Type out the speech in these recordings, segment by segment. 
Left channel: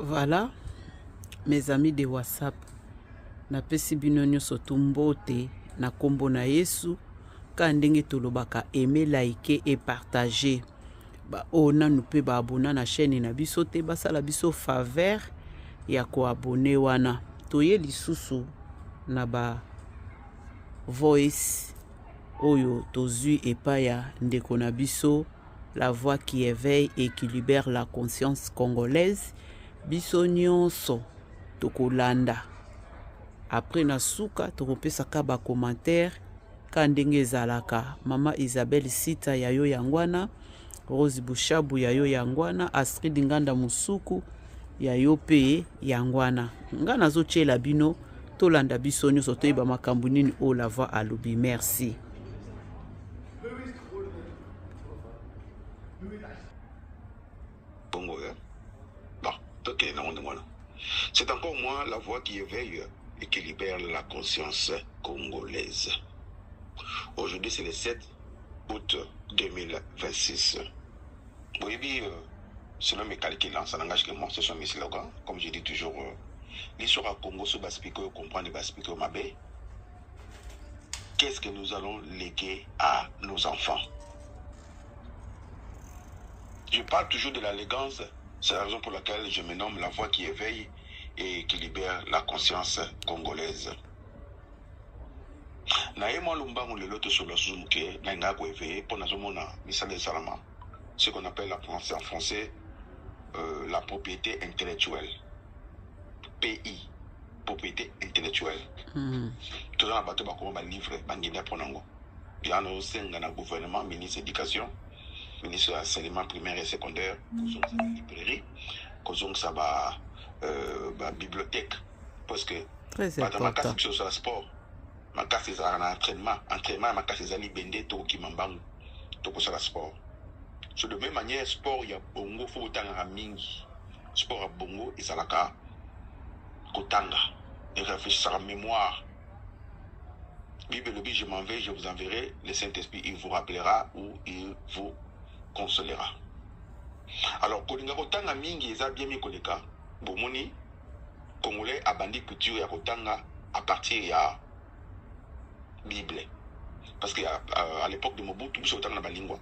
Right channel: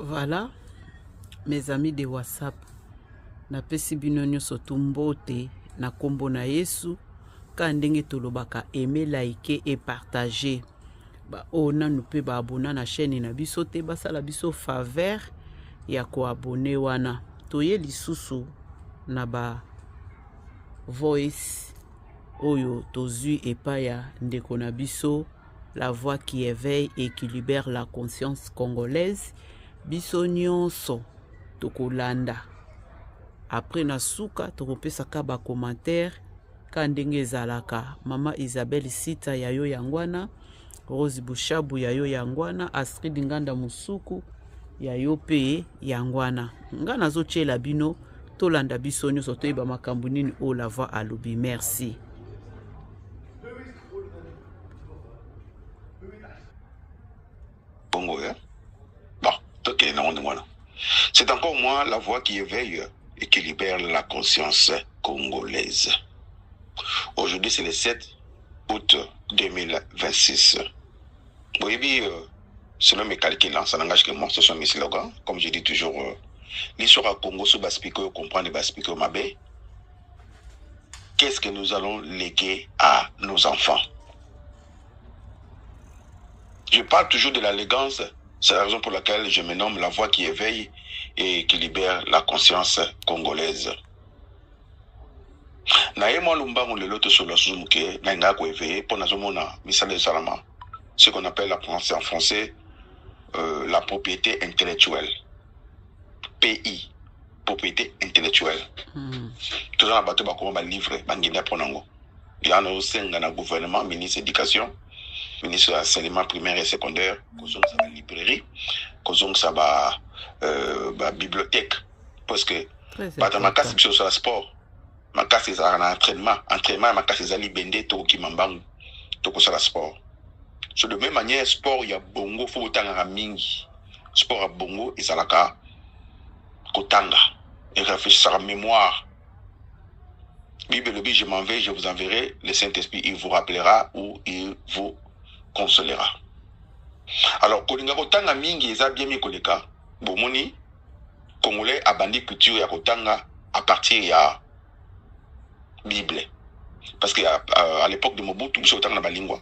Voilà, mes amis de WhatsApp. Napesi bino nyonso tumbote na kombo na Yesu. Ka ndenge tolobaka aimer, liker et partager. Ba ona nous pe ba abona na chaîne na biso te basala biso faveur ya ko abonner wana. Toye lisusu na ba voice oyo tozui epaya ndeko na biso, la voix qui éveille et qui libère la conscience congolaise. Biso nyonso tokolanda. Après na suka tokopesaka ba commentaire ka ndenge ezalaka. Mama Isabelle Sita yayo yangwana, Rose Bushabu yayo yangwana, Astrid Nganda Musuku yayo pe yangwana. Nga nazochela bino tolanda biso nyonso toyeba makambo nini o la voix alobi. Merci. C'est encore moi la voix qui éveille et qui libère la conscience congolaise. Aujourd'hui, c'est le 7 août 2026. Oui, selon mes calculs, ça n'engage que moi, ce sont mes slogans. Comme je dis toujours, l'histoire à Congo, sous Baspico, comprendre Baspico Mabé. Qu'est-ce que nous allons léguer à nos enfants? Je parle toujours de l'élégance. C'est la raison pour laquelle je me nomme la voix qui éveille et qui libère la conscience congolaise. Ce qu'on appelle en français la propriété intellectuelle. PI, propriété intellectuelle. Tout ça, on va livrer, il y a un gouvernement, ministre de l'éducation, ministre de l'enseignement primaire et secondaire, la librairie, la bibliothèque. Parce que ma casse c'est sur le sport, ma casse c'est un entraînement, ma casse c'est libendé, tout qui m'embang, tout sur le sport. De même manière, sport, il y a bongo, il faut autant à mingi. Sport à bongo, et ça la ka, kotanga, et réfléchir à la mémoire. Bible, je m'en vais, je vous enverrai, le Saint-Esprit, il vous rappellera ou il vous consolera. Alors, kolinga kotanga mingi eza bien mi koleka, bomoni Congolais a bandi culture ya kotanga à partir ya Bible. Parce que à l'époque de Mobutu, biso kotanga na balingwa.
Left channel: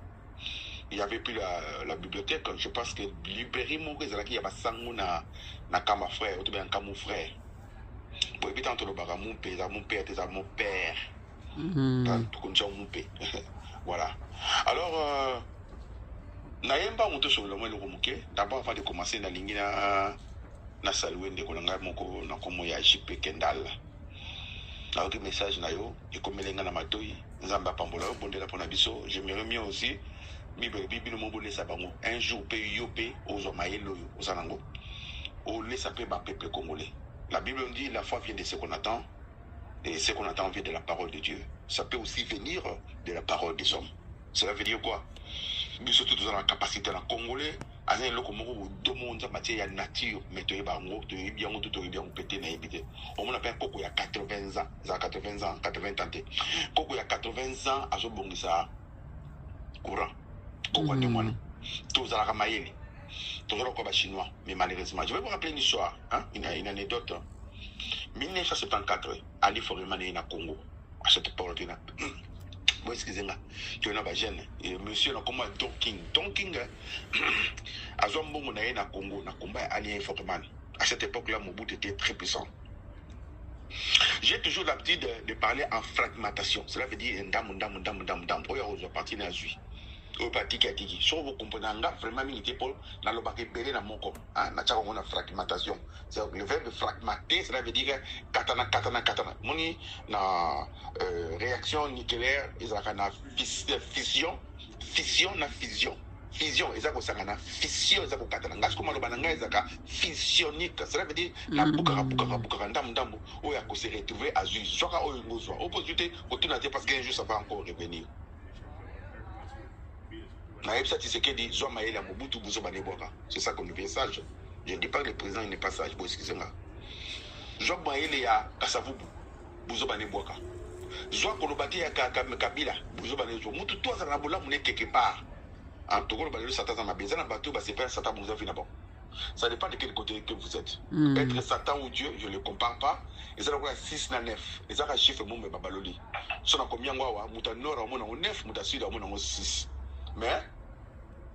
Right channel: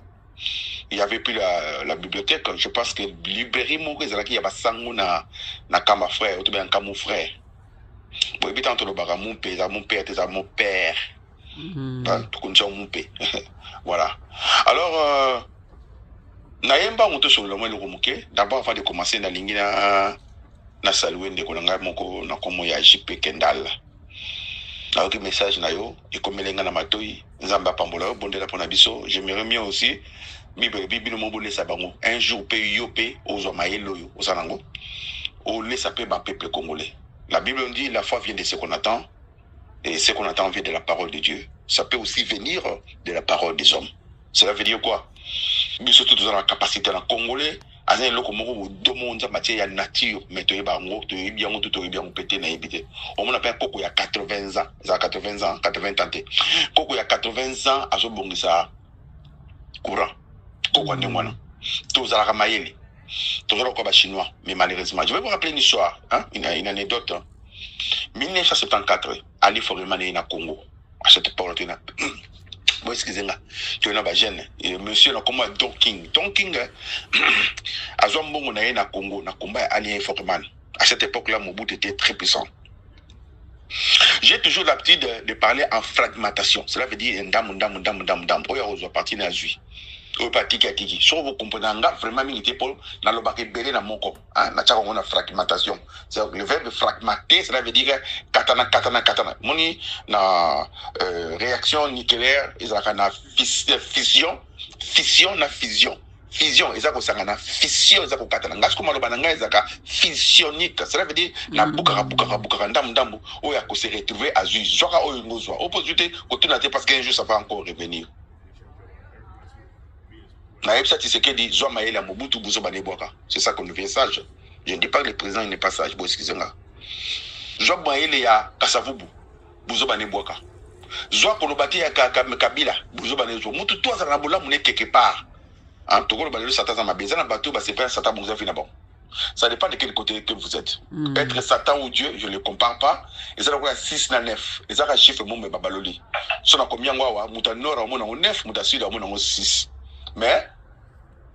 Il y avait plus la bibliothèque, je pense que librairie moko ezalaki ya basango na kamba frère, ou bien kamba frère. Bon, et tant mon père, mon père. Voilà. Alors, Nayemba moto sur le moyen d'abord avant de commencer na lingi na saluer ndeko nanga moko na komo ya JP Kendall. Alors que message na yo et comme lenga na matoi nzamba pambola bondela pona biso, j'aimerais mieux aussi bible mo bolesa bango un jour pe yope aux omayelo yo osanango o laisse pe ba peuple congolais. La Bible dit la foi vient de ce qu'on attend et ce qu'on attend vient de la parole de Dieu. Ça peut aussi venir de la parole des hommes. Cela veut dire quoi? Nous sommes tous dans la capacité en congolais. À un loco moro demande en matière nature, mais tu es bango, tu es bien pété na ébité. On a pas il y a 80 ans, ça 80 ans, 80 ans. Koko il y a 80 ans à ce bon ça courant. Koko ni moi. Tous à la ramayeli. Tous à la chinois, mais malheureusement, je vais vous rappeler une histoire, hein, une anecdote. 1974, Ali Forimane na Congo. À cette époque, bon, excusez-moi, tu es un jeune. Monsieur, comment Don King. Don King, à Zombongo na Congo, na combat Ali Forimane. À cette époque-là, Mobutu était très puissant. J'ai toujours l'habitude de parler en fragmentation. Cela veut dire ndam. Oya ozo parti na zui. Oya parti kiki. So vous comprenez vraiment milité pour na lobake belé na moko. Na tchako on a fragmentation. C'est le verbe fragmenter, cela veut dire katana. Moni na réaction nucléaire, ils ont na fission na fusion. Fusion, ils ont na fission, ils ont katana. Ngas comme le bananga, ils ont fusionique. Cela veut dire na bukara ndambu. Oya ko se retrouver à zui. Joka oyo ngozwa. Opposité, côté na parce qu'un jour ça va encore revenir. C'est ça qu'on devient sage. Je ne dis pas que le président n'est pas sage. Excusez-moi. Job Maïle ya Kasavubu, Bouzo Baneboaka. Joa Kolobati ya Kabila, Bouzo Banezo. Moutou toi, ça n'a pas l'air quelque part. En tout cas, le balai Satan m'a besoin d'un bateau, c'est pas Satan Bouza Finabon. Ça dépend de quel côté que vous êtes. Être Satan ou Dieu, je ne le compare pas. Et ça doit être 6 na 9. Et ça va chiffre mon babaloli. Ça n'a combien de Mouta Nord, on a 9, Mouta Sud, on a 6. Mais,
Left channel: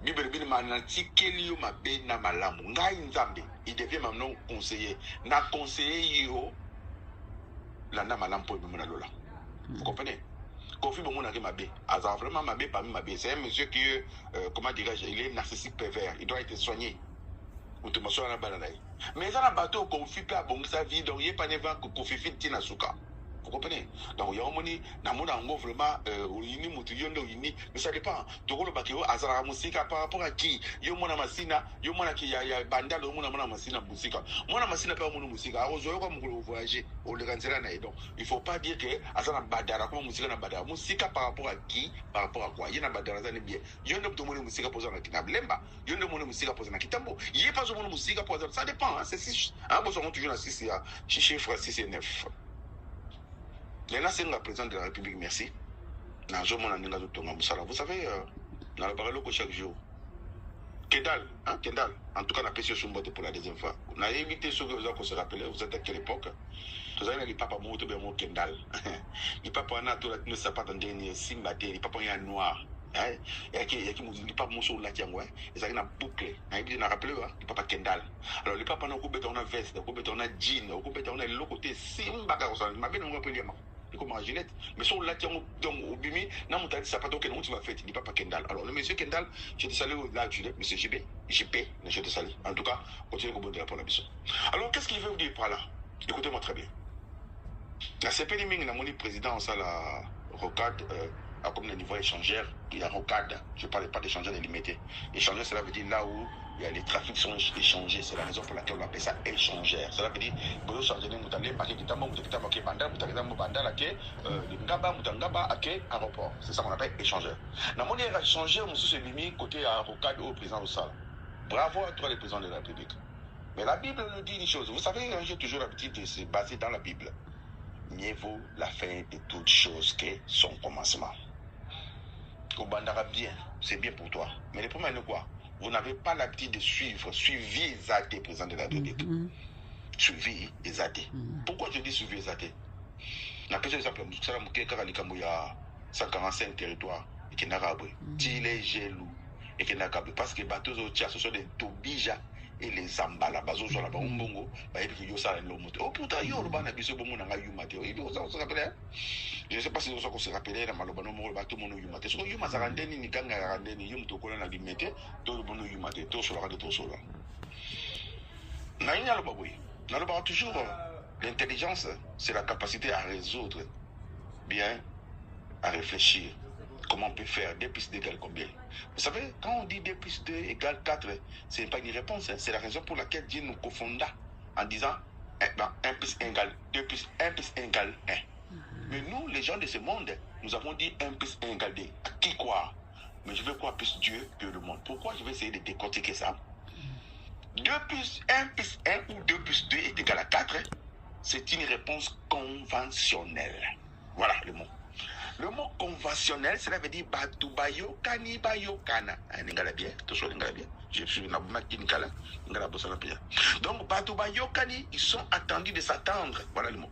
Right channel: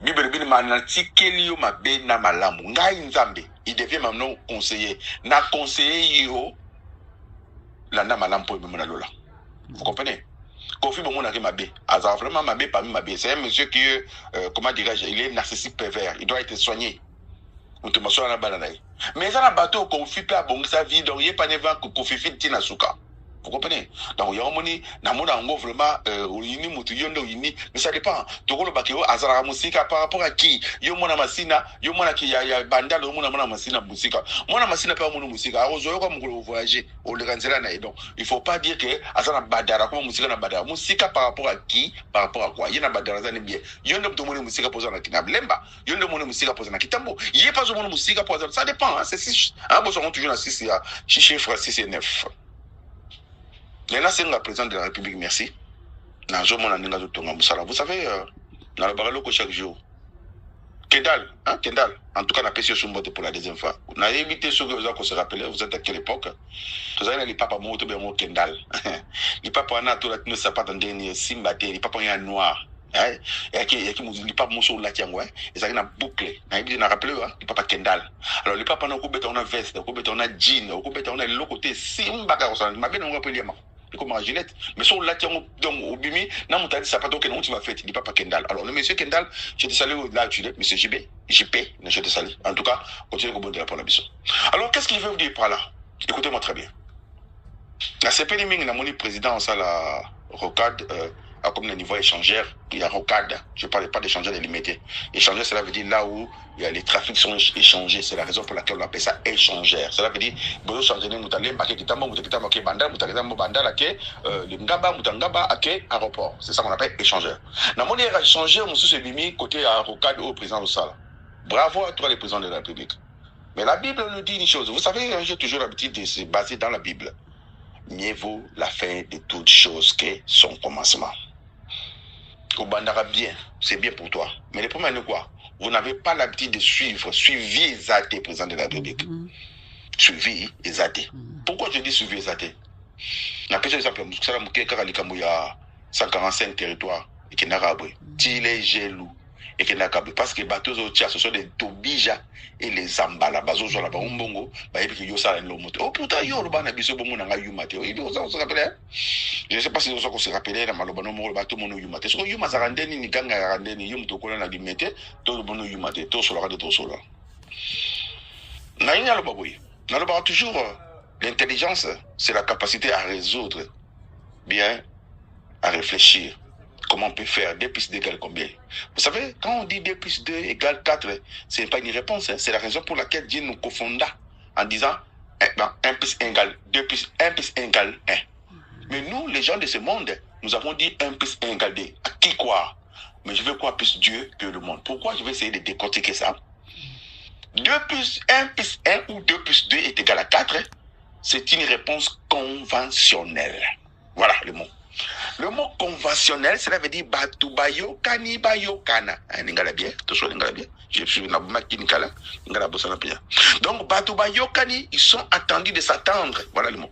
Bible manatikelio mabe na malamu. Ngai nzambe, il devient maintenant conseiller. Na conseiller yo, la na malamu po mena lola. Vous comprenez? Kofi bon na mabe. Azar vraiment mabe parmi mabe. C'est un monsieur qui, comment dirais-je, il est narcissique pervers. Il doit être soigné. Mais ça n'a pas bateau Kofi pas bon sa vie, donc il n'est pas nevant que Kofi fit tina suka. Vous comprenez? Donc, il y a un moment vraiment, mais ça dépend. Tu vois le bakeo, azara musika par rapport à qui? Yo mona masina, yo mona qui ya bandal, yo mona masina musika. Mona masina pas mon musika. Arozo comme vous voyager, au le ranzela na donc. Il faut pas dire que azara badara comme musika na badara. Musika par rapport à qui? Par rapport à quoi? Il y a badara zane bien. Yo ne peux pas musika poser na kinablemba. Yo ne peux musika poser na kitambo. Il y a pas de musika poser. Ça dépend. C'est si. Ah bon, on toujours na 6 chiffre 6 et 9. Maintenant, c'est le président de la République, merci. Vous savez, dans le barreau chaque jour, Kendall, en tout cas, on a payé sur pour la deuxième fois. On a évité ce que vous avez se rappeler, vous êtes à quelle époque? Vous avez les papas montent bien au Kendall. Les papas ont tout la sapat en dernier, simbaté, les papas ont un noir. Et qui les papas montent sur la tiangouin, ils ont une boucle. On a rappelé, les papas Kendall. Alors, les papas ont coupé on a veste, on a jean, on a l'autre côté, simbaga, on a bien rappelé. Comme un gilet, mais sur la tienne au bimi, n'a mon tadi sapato que non tu vas faire, il dit pas Kendall. Alors le monsieur Kendall, je te salue là tu l'es, monsieur JP, je te salue. En tout cas, continuez au bout de la parole. Alors qu'est-ce qu'il veut vous dire par là? Écoutez-moi très bien. La CPD Ming n'a mon président ça la rocade comme le niveau échangeur, il y a rocade. Je ne parle pas d'échangeur délimité. Échangeur, cela veut dire là où il y a les trafics sont échangés. C'est la raison pour laquelle on appelle ça échangeur. Cela veut dire que vous changez les moutaliens, le ngaba, moutangaba, aéroport. C'est ça qu'on appelle échangeur. Dans mon échangeur, monsieur se limite côté à rocade au président de Sala. Bravo à toi, les présidents de la République. Mais la Bible nous dit une chose. Vous savez, j'ai toujours l'habitude de se baser dans la Bible. Mieux vaut la fin de toutes choses que son commencement. Au bandara bien, c'est bien pour toi. Mais le problème est quoi? Vous n'avez pas l'habitude de suivi les athées, président de la République. Suivi les athées. Pourquoi je dis suivi les athées? La question est simple. Il y a 145 territoires et qui n'a pas de gelou et qui n'a pas parce que les bateaux ce sont des Tobija et les Zambala. Bazo sur la Barumbongo, oh putain, yo, le ban a biso bongo n'a yumate. Je ne sais pas si on se rappelle dans Malobano, le bateau mono yumate. Ce que yuma zarandeni ni ganga randeni yum to kola na limete, tout le mono yumate, tout sur la radio, tout sur la. Naïna le baboui. Dans le bar toujours, l'intelligence, c'est la capacité à résoudre, bien, à réfléchir. Comment on peut faire 2 plus 2 égale combien? Vous savez, quand on dit 2 plus 2 égale 4, ce n'est pas une réponse. Hein. C'est la raison pour laquelle Dieu nous confonda en disant 1 plus 1 égale 2 plus 1 plus 1 égale 1. Mais nous, les gens de ce monde, nous avons dit 1 plus 1 égale 2. À qui croire? Mais je veux croire plus Dieu que le monde. Pourquoi je vais essayer de décortiquer ça? 1 plus 1 ou 2 plus 2 est égal à 4. C'est une réponse conventionnelle. Voilà le mot. Le mot conventionnel, cela veut dire batubayo kani bayo kana. N'ingala bien, tout ça n'ingala bien. Je suis na bumaki n'ingala, n'ingala bossana bien. Donc batubayo kani, ils sont attendus de s'attendre. Voilà le mot.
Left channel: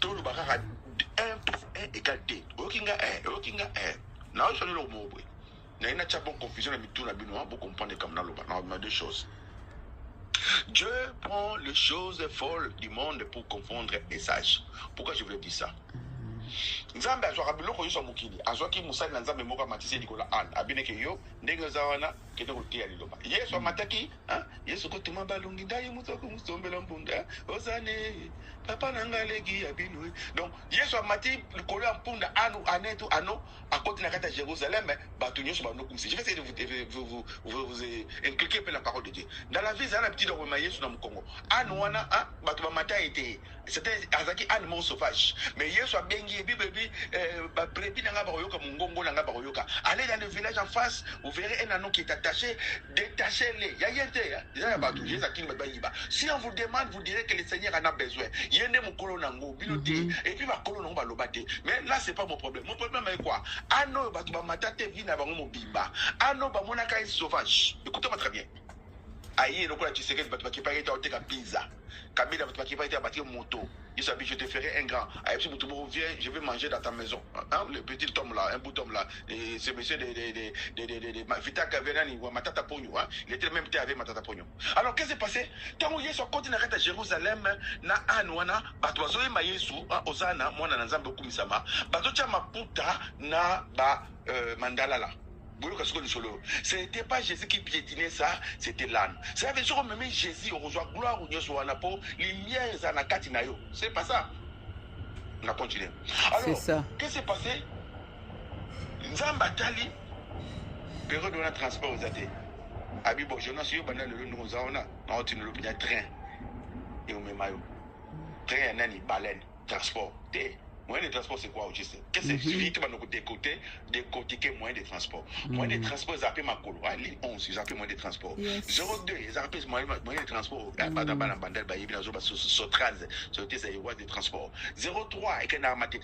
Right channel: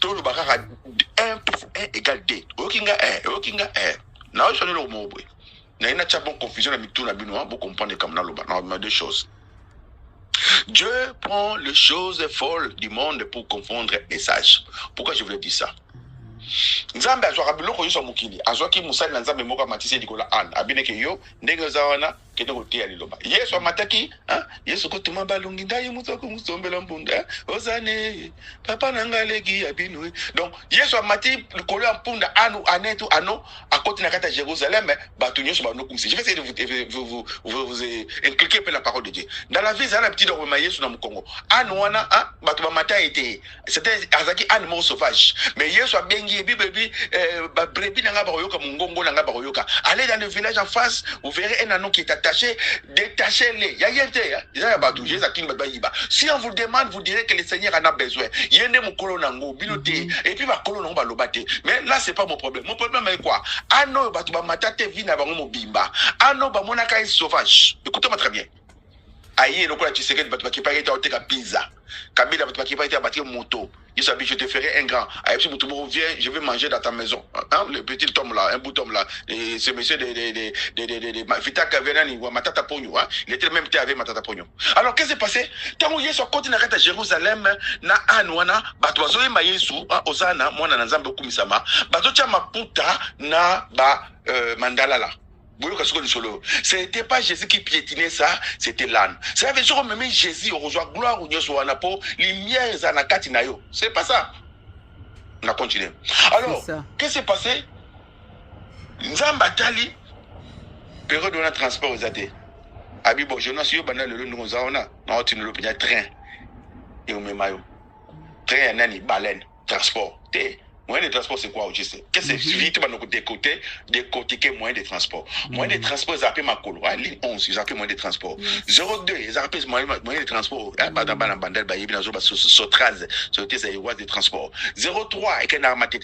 Tout le barrage 1 plus 1 égale 2. Okinga 1, okinga 1. Na je le mot boy. Na ina cha bon confusion na mitou na bino, vous comprenez comme na loba. Na deux choses. Dieu prend les choses folles du monde pour confondre les sages. Pourquoi je voulais dire ça? Nzambe azwaka biloko yoso mokili azwaki musali na nzambe moko matisi dikola an abineke yo ndenge zawana kende kotia liloba yesu amataki yesu kotuma balungi ndaye mutoko musombela mpunda ozane papa nangaleki abinwe. Donc yesu amati likolo ya mpunda anu anetu ano akoti na kata Jérusalem batu nyoso bano kumisi. Je vais essayer de vous inculquer la parole de Dieu. Dans la vie ça la petite de yesu na mukongo anu wana batu ba mata était c'était azaki anu mort sauvage mais yesu abengi bibi brebi nanga baroyoka mungongo nanga baroyoka. Allez dans le village en face, vous verrez un anneau qui est attaché, détachez-les. Ya yente ya batu Jésus akin bayiba. Si on vous demande, vous direz que le Seigneur en a besoin. Yende mukolo nango biloté et puis ba kolo nango ba lobate. Mais là c'est pas mon problème. Mon problème est quoi? Ano batu ba matate vina bango mobimba. Ano ba monaka est sauvage. Écoutez-moi très bien. Aïe, le tu sais que tu vas pas être pizza. Kabila, tu vas pas être moto. Il s'habille, je te ferai un grand. Aïe, si tu reviens, je vais manger dans ta maison. Hein, le petit homme là, un bout d'homme là. Ce monsieur de Vita Kavenani ou Matata Pogno. Il était même avec Matata Pogno. Alors, qu'est-ce qui s'est passé? Tant que Yesu continue à Jérusalem, na Anwana, Batozoe Mayesu, Osana, moi, na Nzambe Kumisama, Batocha Maputa, na Mandalala. Ce n'était pas Jésus qui piétinait ça, c'était l'âne. Ça veut dire que même Jésus, au rejoint gloire, au Nyoswanapo, lumière, Zanakatinayo. C'est pas ça. On a continué. Alors, qu'est-ce qui s'est passé? Nzambatali, période de notre transport aux athées. Abibo, je n'ai pas eu le nom de Zaona. Non, tu ne l'as pas train. Et au même maillot. Train, nani, baleine, transport. Moyen de transport, c'est quoi au sais? Qu'est-ce que c'est vite décortiquer moyen de transport? Moyen de transport, ils appellent ma colo. Ligne 11, ils appellent moyen de transport. 02, ils appellent moyen de transport. Sotraz, c'est les voies de transport. 03, et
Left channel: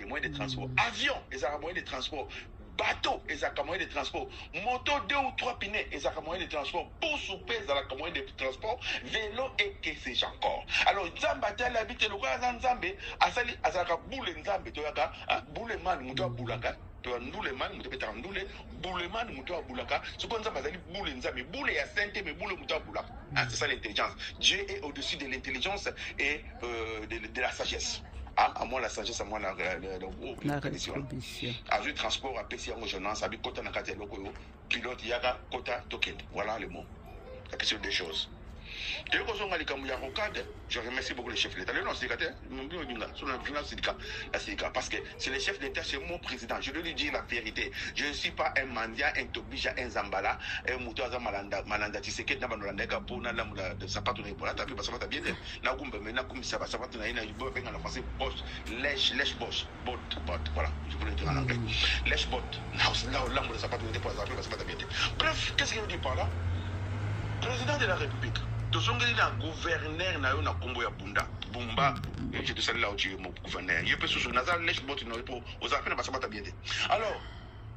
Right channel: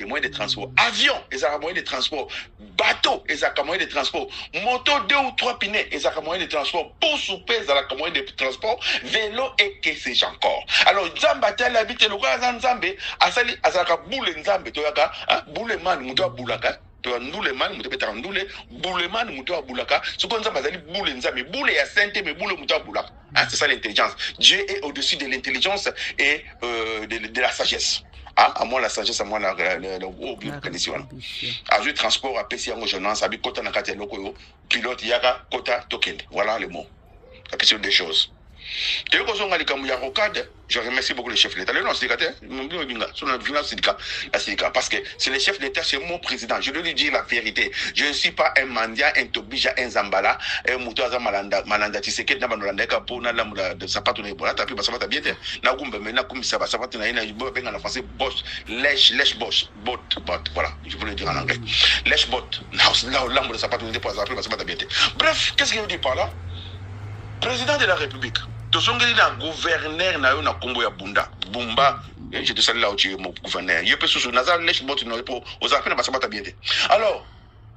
moyen de transport. Avion, ils appellent moyen de transport. Bateau, ils appellent moyen de transport. Moto 2 ou 3 pinets, ils appellent moyen de transport. Pour souper, ils appellent moyen de transport. Vélo et que sais-je encore. Alors, Zambatel habite le roi Zanzambe, Asali, Azaka Boule Nzambe. Toyaka boule man muto abulaka to ndule man muto betara ndule boule man muto abulaka ce qu'on bazali boule nzambe boule ya sainte mais boule muto abulaka. C'est ça l'intelligence. Dieu est au-dessus de l'intelligence et de la sagesse. À moi la sagesse, à moi la condition. À je transport à PC en jeunesse abi kota na kati loko pilote yaka kota token. Voilà le mot. La question des choses. Je remercie beaucoup le chef de l'État. Parce que c'est le chef d'État, c'est mon président. Je dois lui dire la vérité. Je ne suis pas un mandia, un tobija, un zambala, un moutoaza malanda. Tu sais que dans le pour de sapato de bois, tu as ça va bien. Ça va en français, boss, lèche boss, bot, voilà, je voulais dire en anglais. Lèche bot, l'âme de sapato de bois, ça va bien. Bref, qu'est-ce qu'il veut dire par là? Président de la République. Tosongeli na gouverneur na yo na kombo ya Bumba, je te salue là où tu es mon gouverneur. Yé peut sous nazar lèche bot no pour aux affaires na basabata bien. Alors,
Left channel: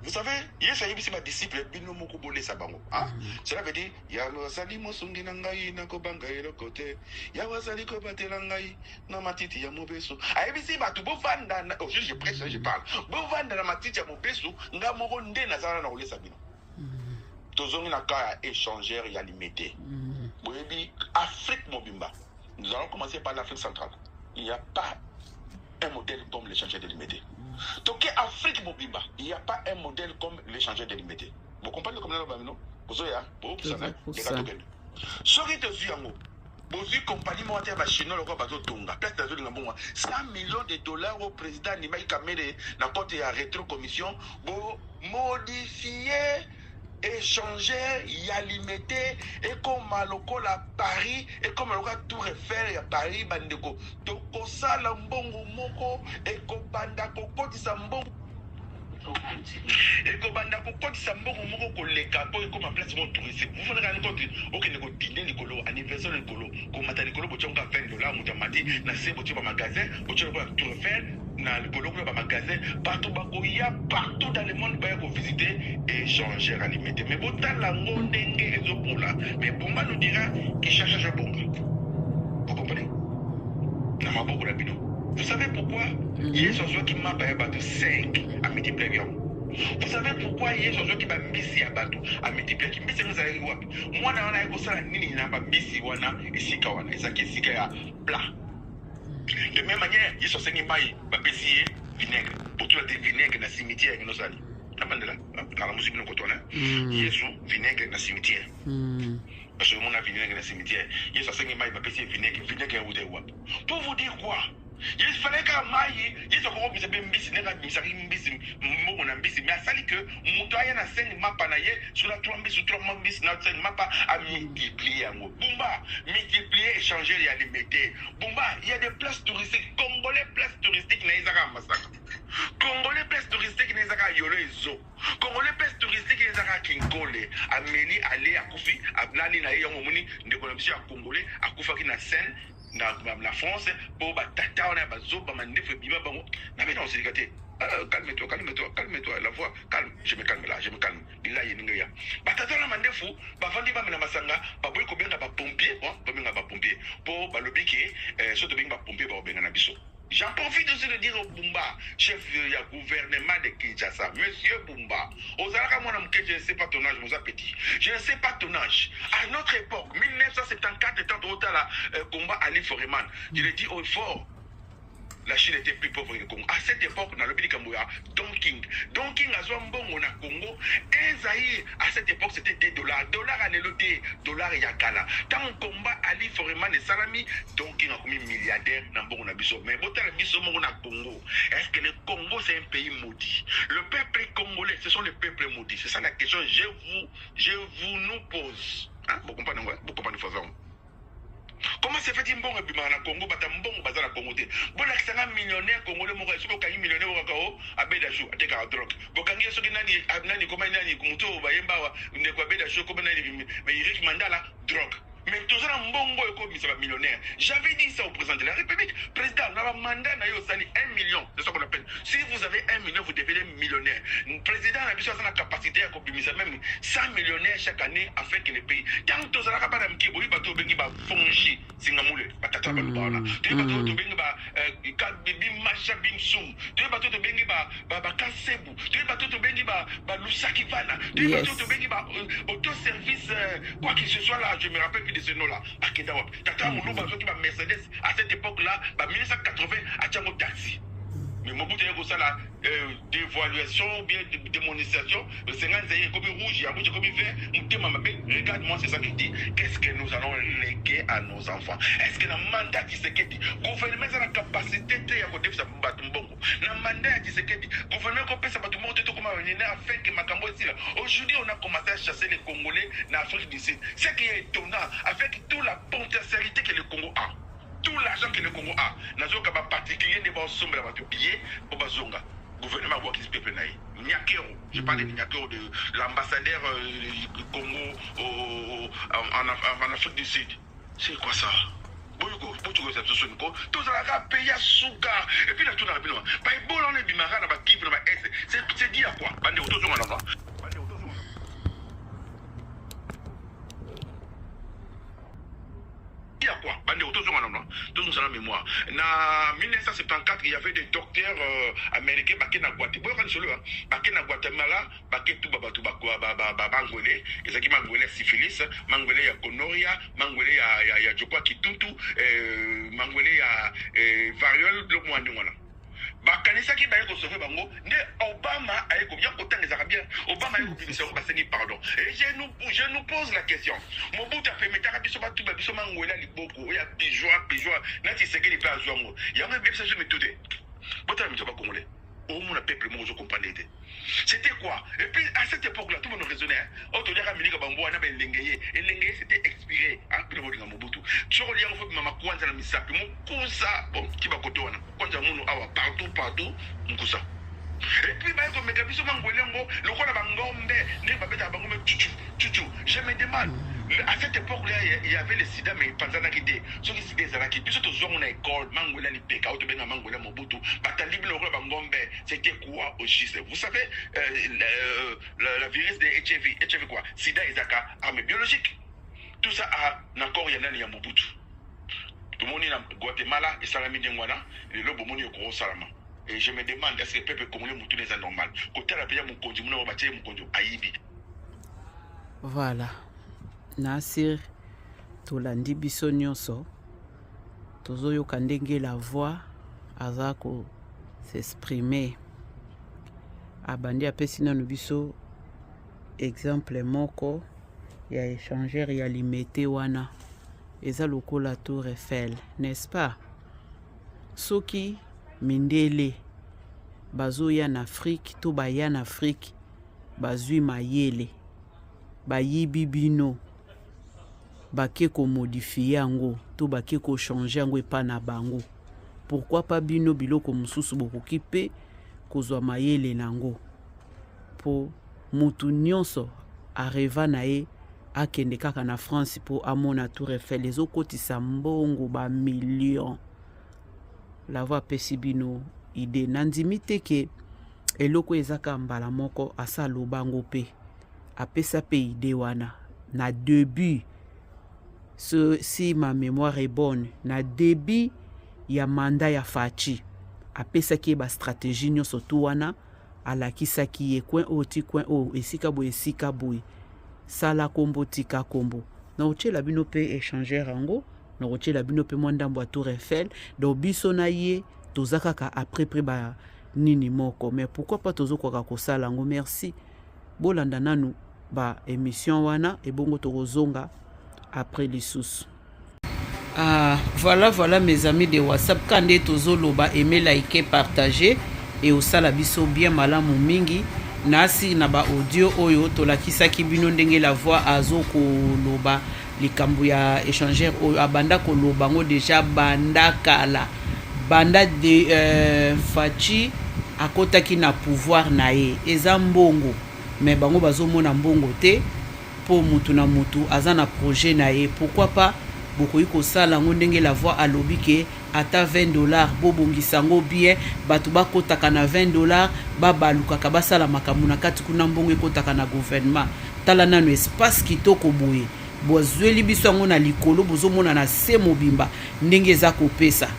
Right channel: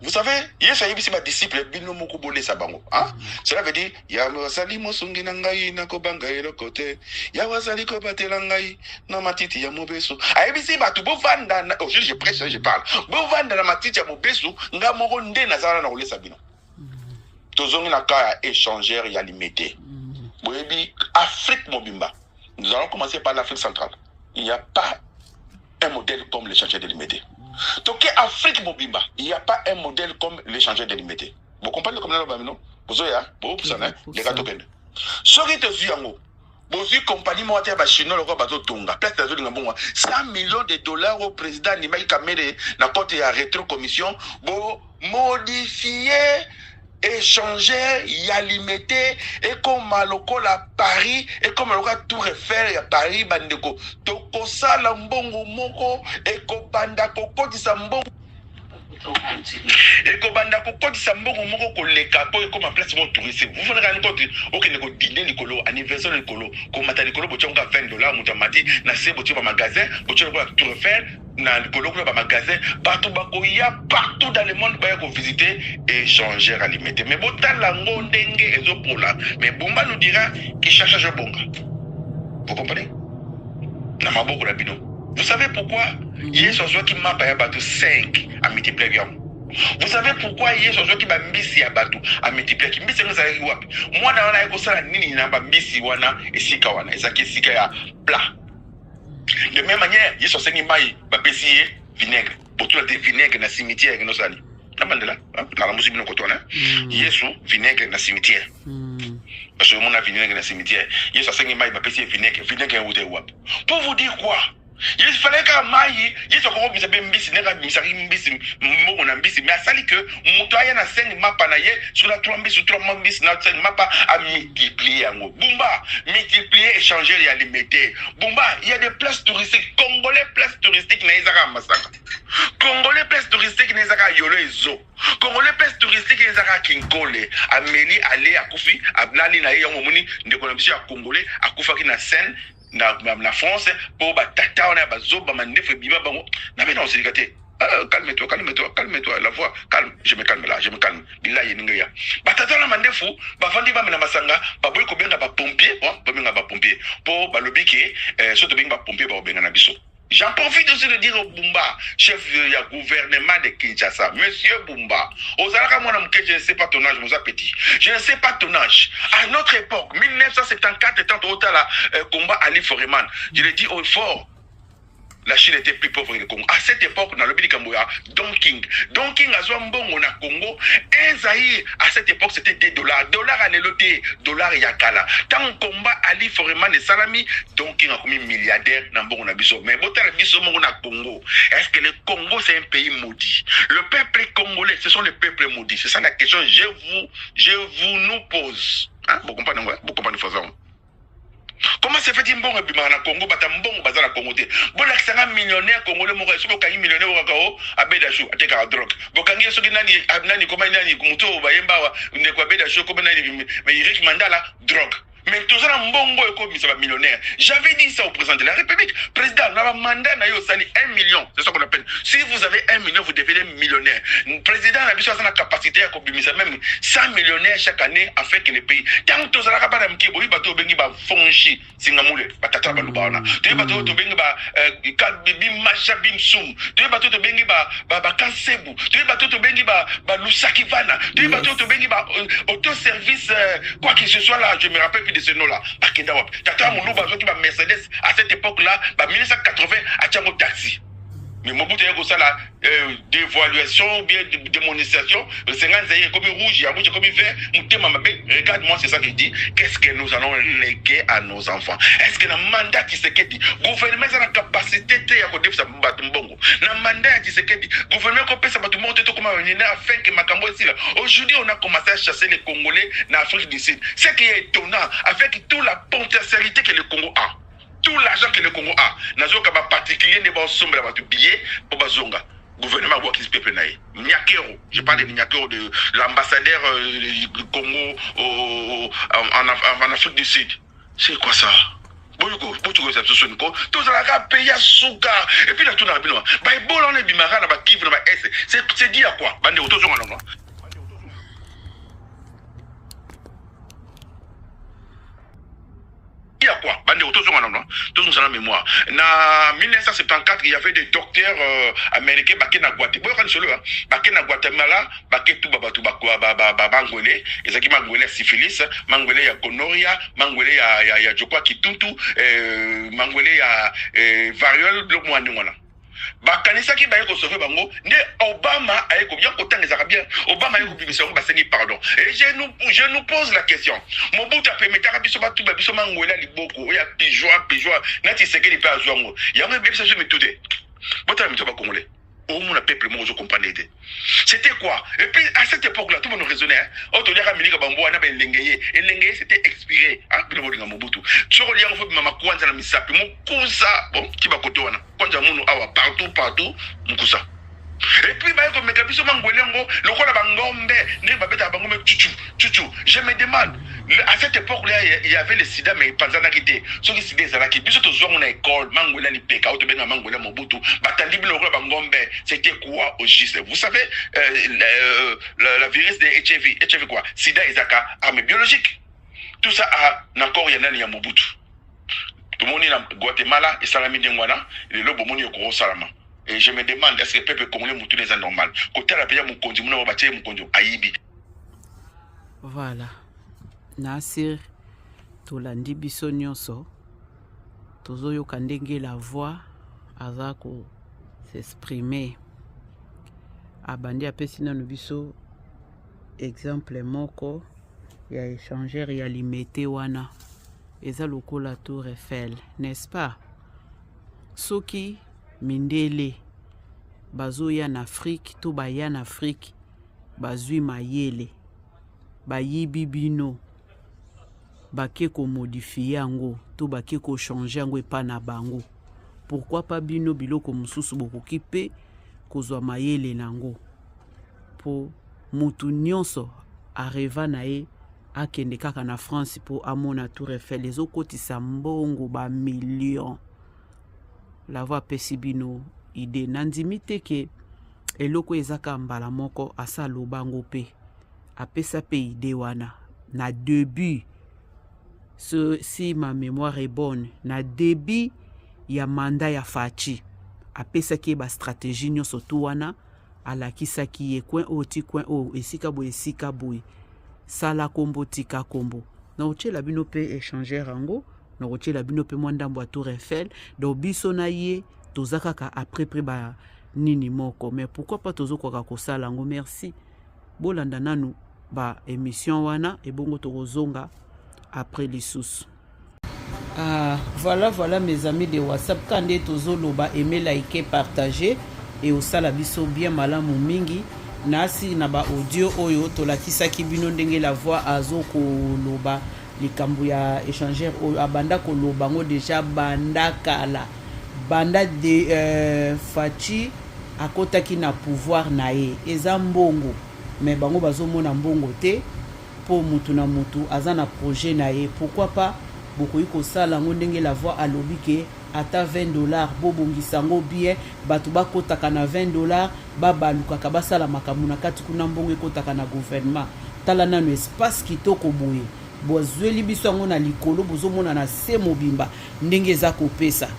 vous savez, Yesu ayebisi ba disciple bino moko bolé sa bango, hein? Cela veut dire ya wasali mosungi na ngai na kobanga elo côté. Ya wasali ko batela ngai na matiti ya mobeso. Ayebisi ba tu bovanda je prêche, je parle. Bovanda na matiti ya mobeso nga moko nde nazara na olesa bino. Tozongi na ka échangeur ya limité. Afrique Mobimba. Nous allons commencer par l'Afrique centrale. Il n'y a pas un modèle comme l'échangeur délimité. Donc, Afrique Mobimba, il n'y a pas un modèle comme l'échangeur délimité. Vous comprenez comment nous avons vous avez les gars de Sorry de Zuyango. Vous compagnie moitié de Chine, le bateau Tonga. Peut-être 100 millions de dollars au président Nimaï Kamere, na côté à rétro-commission, pour modifier. Échanger, y a limité, et comme à la Paris, et comme à tout refaire à Paris, bandeko. Toko sala mbongo moko, et ko banda koko di sa mbongo. Et que banda ko kodi sambongo moko ko leka po ko ma place mo touriste. Vous voulez rien kodi OK ne ko dîner likolo anniversaire likolo ko mata likolo bo tionga $20 mutamati na se bo tionga magasin bo tionga ko Tour Eiffel na likolo ko ba magasin partout ba ko ya partout dans le monde ba ko visiter et changer alimenter. Mais botal la ngondenge ezo pola mais Bumba nous dira qu'il cherche à bonga. Vous comprenez? Na maboko la bino. Vous savez pourquoi il y a ce qui m'a payé bateau 5 à multiplier. Vous savez pourquoi il y a ce qui m'a mis à bateau à multiplier. Moi, dans la école, nini n'a pas mis wana et sikawana. Et ça qui est sika plat. De même manière, il y a ce qui m'a payé vinaigre. Pour tout le vinaigre dans le cimetière. Il y a musique de coton. Il y a ce vinaigre dans le cimetière. Parce que mon vinaigre dans le cimetière. Il y a ce qui m'a payé vinaigre. Vinaigre. Pour vous dire quoi? Il fallait qu'à maï, il se corrompt, il s'appelle Mbisi, mais à sali que Moutaya na 5 mapas naïe, sur la 3 mbisi, 3 mbisi, na 5 mapas à multiplier en gros. Bumba, multiplier, échanger et alimenter. Bumba, il y a des places touristiques, Congolais places touristiques, Naïzara Massaka. Congolais places touristiques, Naïzara Yolo et Zo. Congolais places touristiques, Naïzara Kinkole. Amélie, allez à Koufi, à Blali, Naïe, Yomoni, de Colombie, à Congolais, à Koufaki, na Seine. Na France pour batata on a bazoba mandefe biba bango na mais non c'est gâté calme-toi la voix calme je me calme bila yeninga ya batata na mandefu bafandi ba mena masanga baboy ko benga ba pompier pour balobi ke soto benga ba pompier ba benga na biso. J'en profite aussi de dire au Bumba, chef du gouvernement de Kinshasa, Monsieur Bumba, je ne sais pas ton âge, mon petit. Je ne sais pas ton âge. À notre époque, 1974, étant au combat Ali Foreman, je l'ai dit au fort. La Chine était plus pauvre que le Congo. À cette époque, dans le pays de Kamboya, Don King a Zwambongo na Congo. Un Zaïre, à cette époque, c'était des dollars. Dollars à l'éloté, dollars yakala. Tant combat Ali Foreman et Salami, Don King a commis milliardaire dans Bongo na Bisso. Mais Botal Bisso Mongo na Congo. Est-ce que le Congo, c'est un pays maudit? Le peuple congolais, ce sont les peuples maudits. C'est ça la question. Je vous nous pose. Hein? Vous comprenez? Vous comprenez? Comment se fait-il bon na Congo batambongo bazala Congo te bon l'accent millionnaire congolais mo reso ka millionnaire wa kao abedashu ateka drogue bokangi soki nani koma nani kumuto bayemba wa ndeko abedashu koma nani mais Eric Mandala drogue. Mais tout ça, mbongo et comme ça millionnaire. J'avais dit ça au président de la République. Président, on a un mandat, on a 1 million. C'est ça qu'on appelle. Si vous avez 1 million, vous devenez millionnaire. Le président a la capacité à combiner même 100 millionnaires chaque année afin que les pays. Tant que tout ça, on a un petit peu de fonchi, singamoule, batata balubana. Tu es bateau de benga, bim macha bim soum. Tu es bateau de benga, kasebu. Tu es bateau de benga, lusakivana. Tu es bateau de benga, autoservice, quoi que ce soit là, je me rappelle de ce nom-là, Bakenda Wap. Tata Moulouba, Mercedes, à cette époque-là, 1980, à Tchango Taxi. Mais Mobutu a ça la dévaluation, bien démonisation, le 50 zaïre comme rouge, il y a rouge comme vert, regarde-moi, c'est ça qu'il dit. Qu'est-ce que nous allons léguer à nos enfants? Est-ce que le mandat qui se dit, gouvernement a la capacité de faire ça Mbongo? Le mandat qui se dit, gouvernement a fait ça comme un afin que Makambo ici là. Aujourd'hui, on a commencé à chasser les Congolais dans l'Afrique du Sud. Ce qui est étonnant, avec toute la potentialité que le Congo a. Tout l'argent que le Congo a, nazo kaba particulier ne ba sombre ba tu billet pour bazonga. Gouvernement voit qui se peuple naï. Nyakero, je parle de Nyakero de l'ambassadeur du Congo en Afrique du Sud. C'est quoi ça? Boyoko, ça se sonne quoi? Tout ça la paye à souka. Et puis là tout dans le bilan. Bah bon on est bimara na ba kiv na ba S. C'est dit à quoi? Bande auto zonga non. Il y a quoi? Tous ont la mémoire. En 1974, il y avait des docteurs américains qui na Guatemala, tout Bangolais, et qui Mangolais syphilis, Mangolais ya gonorrhea, Mangolais ya je crois kituntu, Mangolais ya variole, le mois de bakanisa ki baye ko sauver bango ne Obama aye ko bien autant les arabiens Obama aye ko bimisa ko baseni pardon et je nous pose la question Mobutu a permis biso batu biso mangola liboko ya pijoa nati sekeli pa azwango yango bebisa je me tout bota mito ba congolais au monde a peuple mo je comprendre. C'était quoi? Et puis à cette époque là tout le monde raisonnait auto dia kamilika bambo na ben lengeye et lengeye c'était expiré ah bilo bodinga Mobutu soko liango fo mama kwanza na misapi mo kusa bon ki ba koto wana kwanja munu awa partout mukusa Et puis, comme Megabiso Mangolengo, le rôle de Bangombe, je me demande, à cette époque-là, il y avait le sida, mais pas en arrêté. Ceux qui sida, c'est qui, puis surtout, on a école, Mangola, ni Peka, ou bien Mangola, Mobutu, Batandi, le rôle de Bangombe, c'était quoi au juste? Vous savez, la virus de HIV quoi? Sida, Isaka, arme biologique. Tout ça a encore y en a Mobutu. Tout le monde est en Guatemala, et Salami Dengwana, et le Bomoni au gros Salama. Et je me demande, est-ce que le peuple congolais moutou les anormal? Côté la paye mon condu, mon bâti mon condu, Aïbi. Voilà. Nasir, Tolandi biso nyonso. Tozo yo kandenge la voix, azako s'exprimer. Abandi apesi na biso exemple moko ya échangeur ya limité wana. Eza lokola Tour Eiffel, n'est-ce pas? Soki mindele bazoya na Afrique to baya na Afrique bazui mayele bayibi bino bake ko modifier yango to bake ko changer yango epa na bango. Pourquoi pas bino biloko mususu bokoki pe kozwa mayele nango po mutu nyonso areva na ye akende kaka na France po amona Tour Eiffel ezokotisa mbongo ba millions. La voix pesibino ide nandimi teke eloko ezaka mbala moko asa lobango pe apesa pe ide wana na début si ma mémoire est bonne na début ya mandat ya Fachi apesa ki ba stratégie nyonso tu wana alakisa ki ye coin o esika boy sala kombo tika kombo na ochela bino pe échanger rango na ochela bino pe mwandambo a Tour Eiffel do biso na ye tozakaka après ba nini moko mais pourquoi pas tozo kwa ko sala ngo merci bolanda nanu ba émission wana et bongo tozonga après les sous. Voilà mes amis de WhatsApp kande tozo loba aimer liker partager et au sala biso bien malamu mingi nasi na ba audio oyo tolakisaki bino ndenge la voix azoko loba likambu ya échangeur oyo abanda ko loba ngo déjà banda kala banda de Fachi akotaki na pouvoir na ye eza mbongo mais bango bazomona mbongo te po mutu na mutu aza na projet na ye. Pourquoi pas bokoyi kosala ngo ndenge la voix alobi ke ata $20 bobongisa ngo bien batu bakotaka na $20 babalukaka basala makambo na kati kuna mbongo ekotaka na gouvernement tala nanu espace kitoko boye bozweli biso yango na likolo bozomona na se mobimba ndenge eza kopesa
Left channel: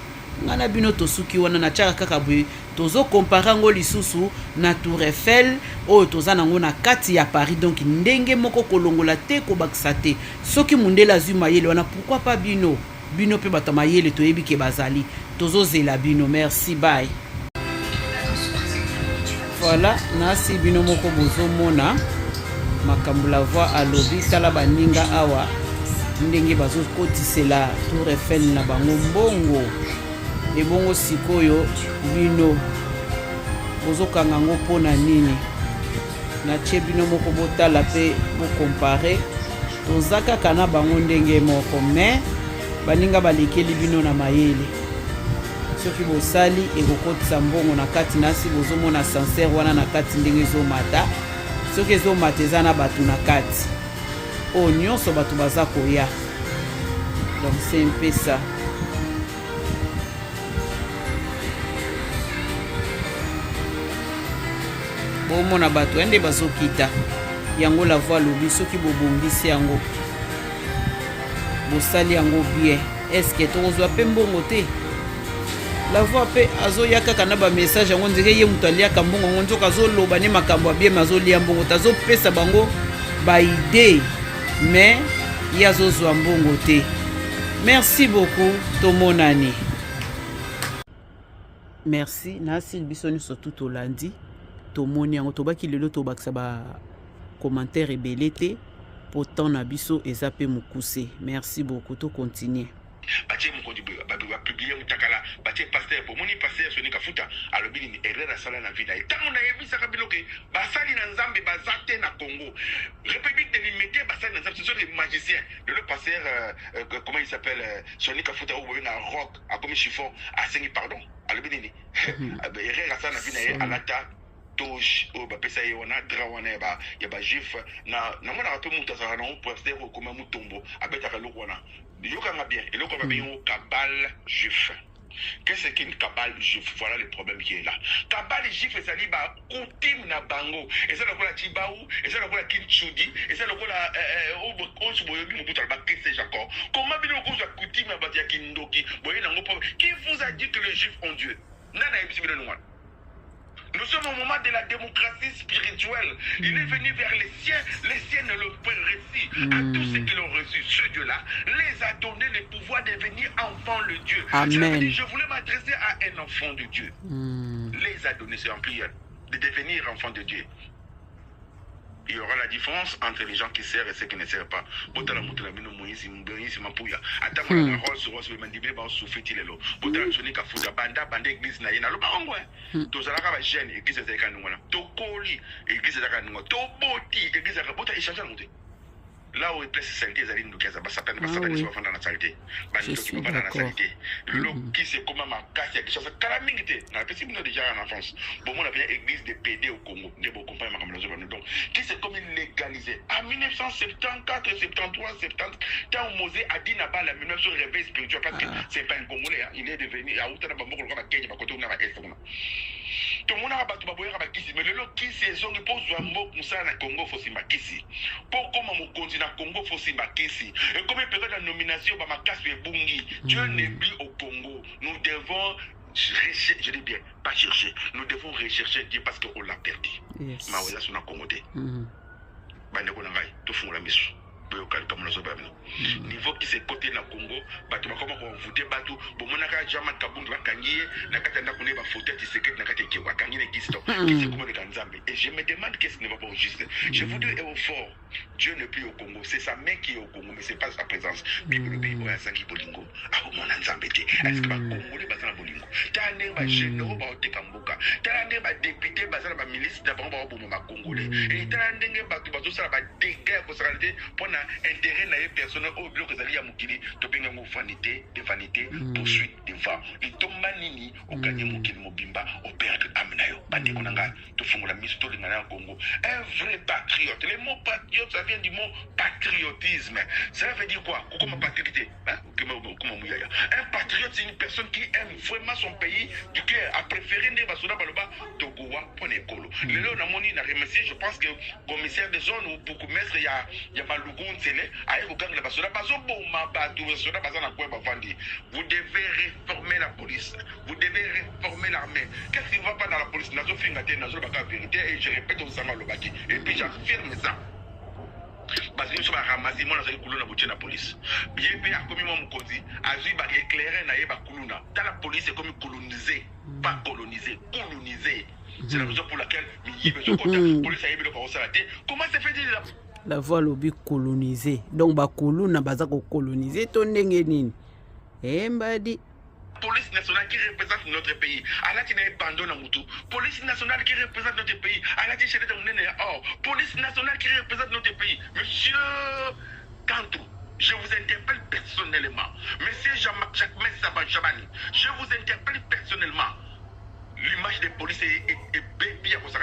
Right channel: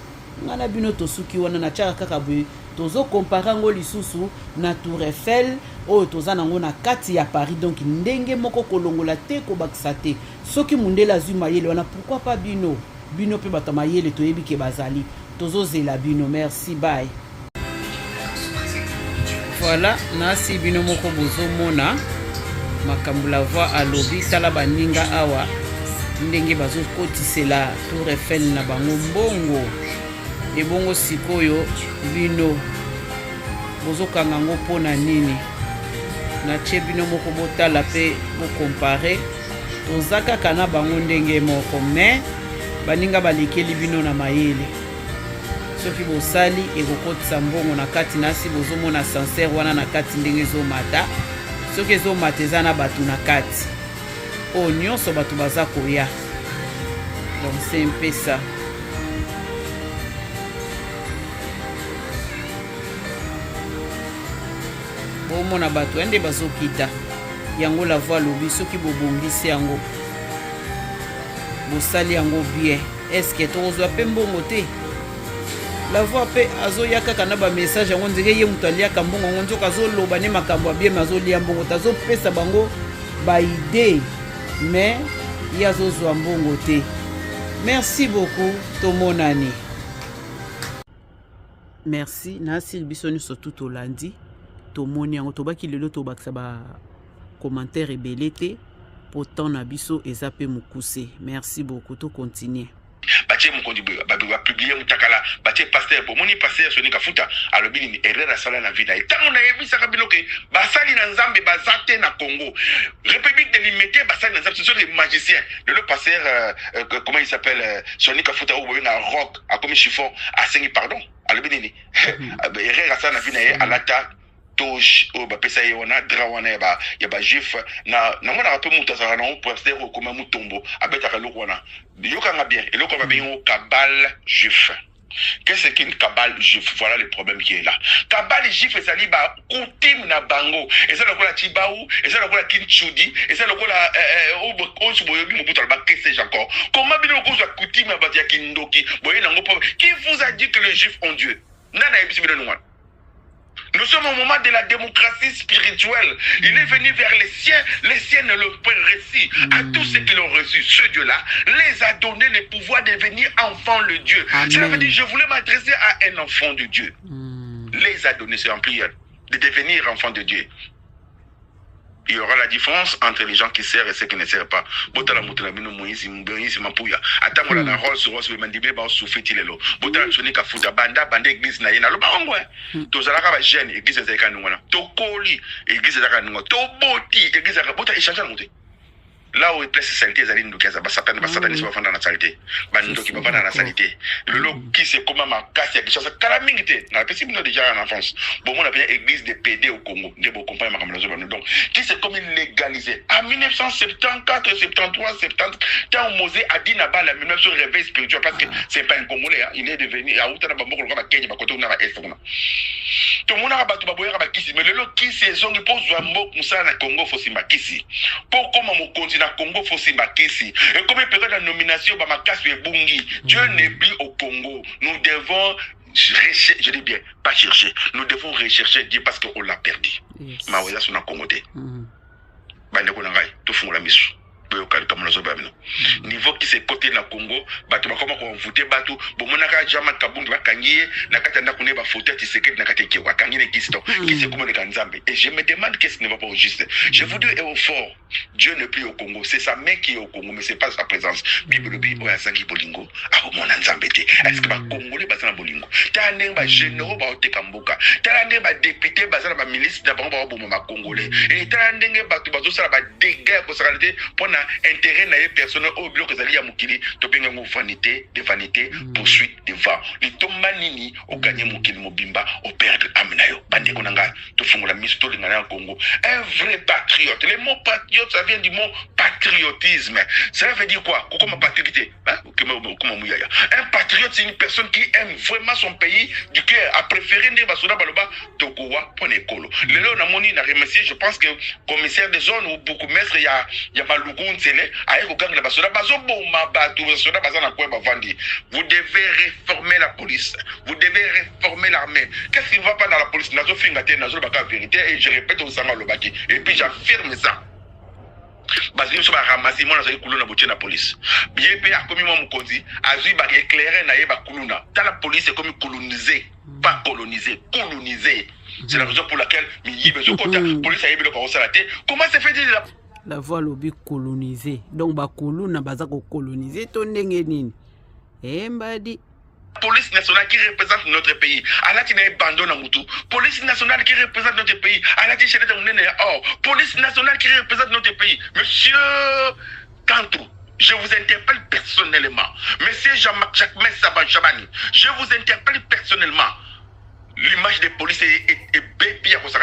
ngana bino tosuki wana na tchaka kaka boye tozo comparer ngo lisusu na Tour Eiffel oyo toza nango na kati ya Paris donc ndenge moko kolongola te kobakisa te soki mundela zwi mayele wana pourquoi pas bino pe bato mayele toyebi ke bazali tozo zela bino. Merci, bye. Voilà nasi bino moko bozomona makambo la voix alobi tala baninga awa ndenge bazokotisela Tour Eiffel na bango mbongo ebongo sikoyo bino bozokanga ngo pona nini na tie bino moko botala pe bokompare tozaka kana bango ndenge moko mais baninga balekeli bino na mayele soki bosali ekokotisa mbongo na kati nasi bozomona sincere wana na kati ndenge ezomata soki ezomata eza na bato na kati oyo nyonso bato baza koya donc c'est un peu ça. Bomona bato ende bazokita yango la voix lobi soki bobongisi yango bosali yango bien est-ce que tozwa pe mbongo te la voix pe azoyaka kana ba message yango ndenge ye mutu aliaka mbongo ngo nzoka azoloba ne makambo ya bien mazolia mbongo tazopesa bango ba idée mais yazozwa mbongo te. Merci beaucoup tomonani. Merci nasi biso nyonso tout olandi tomoni yango tobaki lelo tobakisa ba commentaire ebele te pourtant na biso eza pe mokuse. Merci beaucoup to continuer. Batie mukondi ba publier mutakala batie pasteur pour moni pasteur Soni Kafuta alobi ni erreur sala na vida etango na yebisa kabilo ke basali na nzambe bazate na Congo République de Limité basali na nzambe ce sont des magiciens le pasteur comment il s'appelle Soni Kafuta ou na rock a comme chiffon a sengi pardon alobi ni erreur sala na vida alata toge o ba pesa ye wana dra wana ya ba juif na mona peu muta za na pasteur comme mutombo abeta ka loko wana yoka nga bien eloko ba bien cabale juif. Qu'est-ce qu'une cabale juif? Voilà le problème qui est là. Cabale juif, c'est ça, coutume na bango. Et ça, le quoi la tibaou, et ça, le quoi la kinchudi, et ça, le quoi la comment bien le quoi la coutume na batia kindoki, qui vous a dit que les juifs ont Dieu? Nous sommes au moment de la démocratie spirituelle. Il est venu vers les siens ne l'ont pas reçu. À tous ceux qui l'ont reçu, ce Dieu-là les a donné le pouvoir de devenir enfants de Dieu. Cela veut dire, je voulais m'adresser à un enfant de Dieu. Les a donné, c'est en prière, de devenir enfants de Dieu. Il y aura la différence entre les gens qui servent et ceux qui ne servent pas. Botala mutala bino Moïse Moïse Mapuya. Attends la Rolls Royce le mandibe ba soufeti lelo. Botala soni ka futa banda église na yena lo ba ngwe. To zalaka ba jeune église za kanunga na. To koli église za kanunga. To boti église za bota échanger monter. Là où il place saleté zali ndokaza ba satani se va fanda na saleté. Ba ndoki ba na saleté. Le qui c'est comment ma casse ya chose kala mingite. Na pesi bino déjà en enfance. Bon on appelle église de PD au Congo. Ndebo compagnie makamelo zo donc qui c'est comme légalisé. En 1974, 73, 70, quand Mosé a dit na-bas la 1900 réveil spirituel parce que c'est pas un Congolais, il est devenu à Outana Bamoko le Kenya ba koto na ba est. Tout le monde a battu baboya ba kisi mais le qui c'est zone pose Zambo Musa na Congo faut simbakisi. Pour comment mon continent Congo faut simbakisi. Et comme période de nomination ba makasi e bungi. Dieu n'est plus au Congo. Nous devons chercher, je dis bien, pas chercher. Nous devons rechercher Dieu parce qu'on l'a perdu. Maouya son Congolais. Bande konangai tout fond la mission. Niveau qui s'est côté na Congo, batu bakoma ko voter batu, bomonaka jama kabundu bakangiye na katanda kune ba voter tisekete na kateke wakangine kisto. Qui c'est comme le Kanzambe. Et je me demande qu'est-ce qui ne va pas au juste. Je vous dis au fort, Dieu n'est plus au Congo, c'est sa main qui est au Congo mais c'est pas sa présence. Bible bible ya sangi bolingo, a mona nzambete. Est-ce que ba congolais basana bolingo? Tande ba généraux ba otekamboka. Tande ba député basana ba milice na bango ba bomba congolais. Et tande batu bazo sala ba dégâts pour s'arrêter pour intérêt na personne au bloc que zali ya mukili to benga ngo vanité de vanité poursuite devant les tomanini au gagner mukili mobimba au perdre amenayo bande konanga to fungola misto de ngana Congo un vrai patriote. Le mot patriote ça vient du mot patriotisme. Ça veut dire quoi? Comment patriote comment muyaya. Un patriote c'est une personne qui aime vraiment son pays du cœur, a préféré ne basoda baloba tokowa pour l'école. Le lo na moni na remercier, je pense que commissaire de zone ou beaucoup maître ya Malugu vous devez réformer la police, vous devez réformer l'armée. Qu'est-ce qui ne va pas dans la police? Et je répète au Sanga Lobaki, et puis j'affirme ça. Parce que nous sommes ramassés, moi, j'ai coulé dans la police. Bien, puis, à commis mon codi, à lui, bah, éclairer, n'a pas couluna. Dans la police, c'est comme colonisé, pas colonisé, colonisé. C'est la raison pour laquelle, la police a eu le carrosse à la tête. Comment c'est fait déjà? La voie lobby colonisée. Donc, ba koluna baza ko coloniser to ndenge nini. Mbadi. Police nationale qui représente notre pays. Alati na bando na mutu. Police nationale qui représente notre pays. Alati chez police nationale qui représente notre pays. Monsieur Kantou, je vous interpelle personnellement. Monsieur Jean-Marc Jacques Saban Chabani, je vous interpelle personnellement. L'image de police est bien pour ça.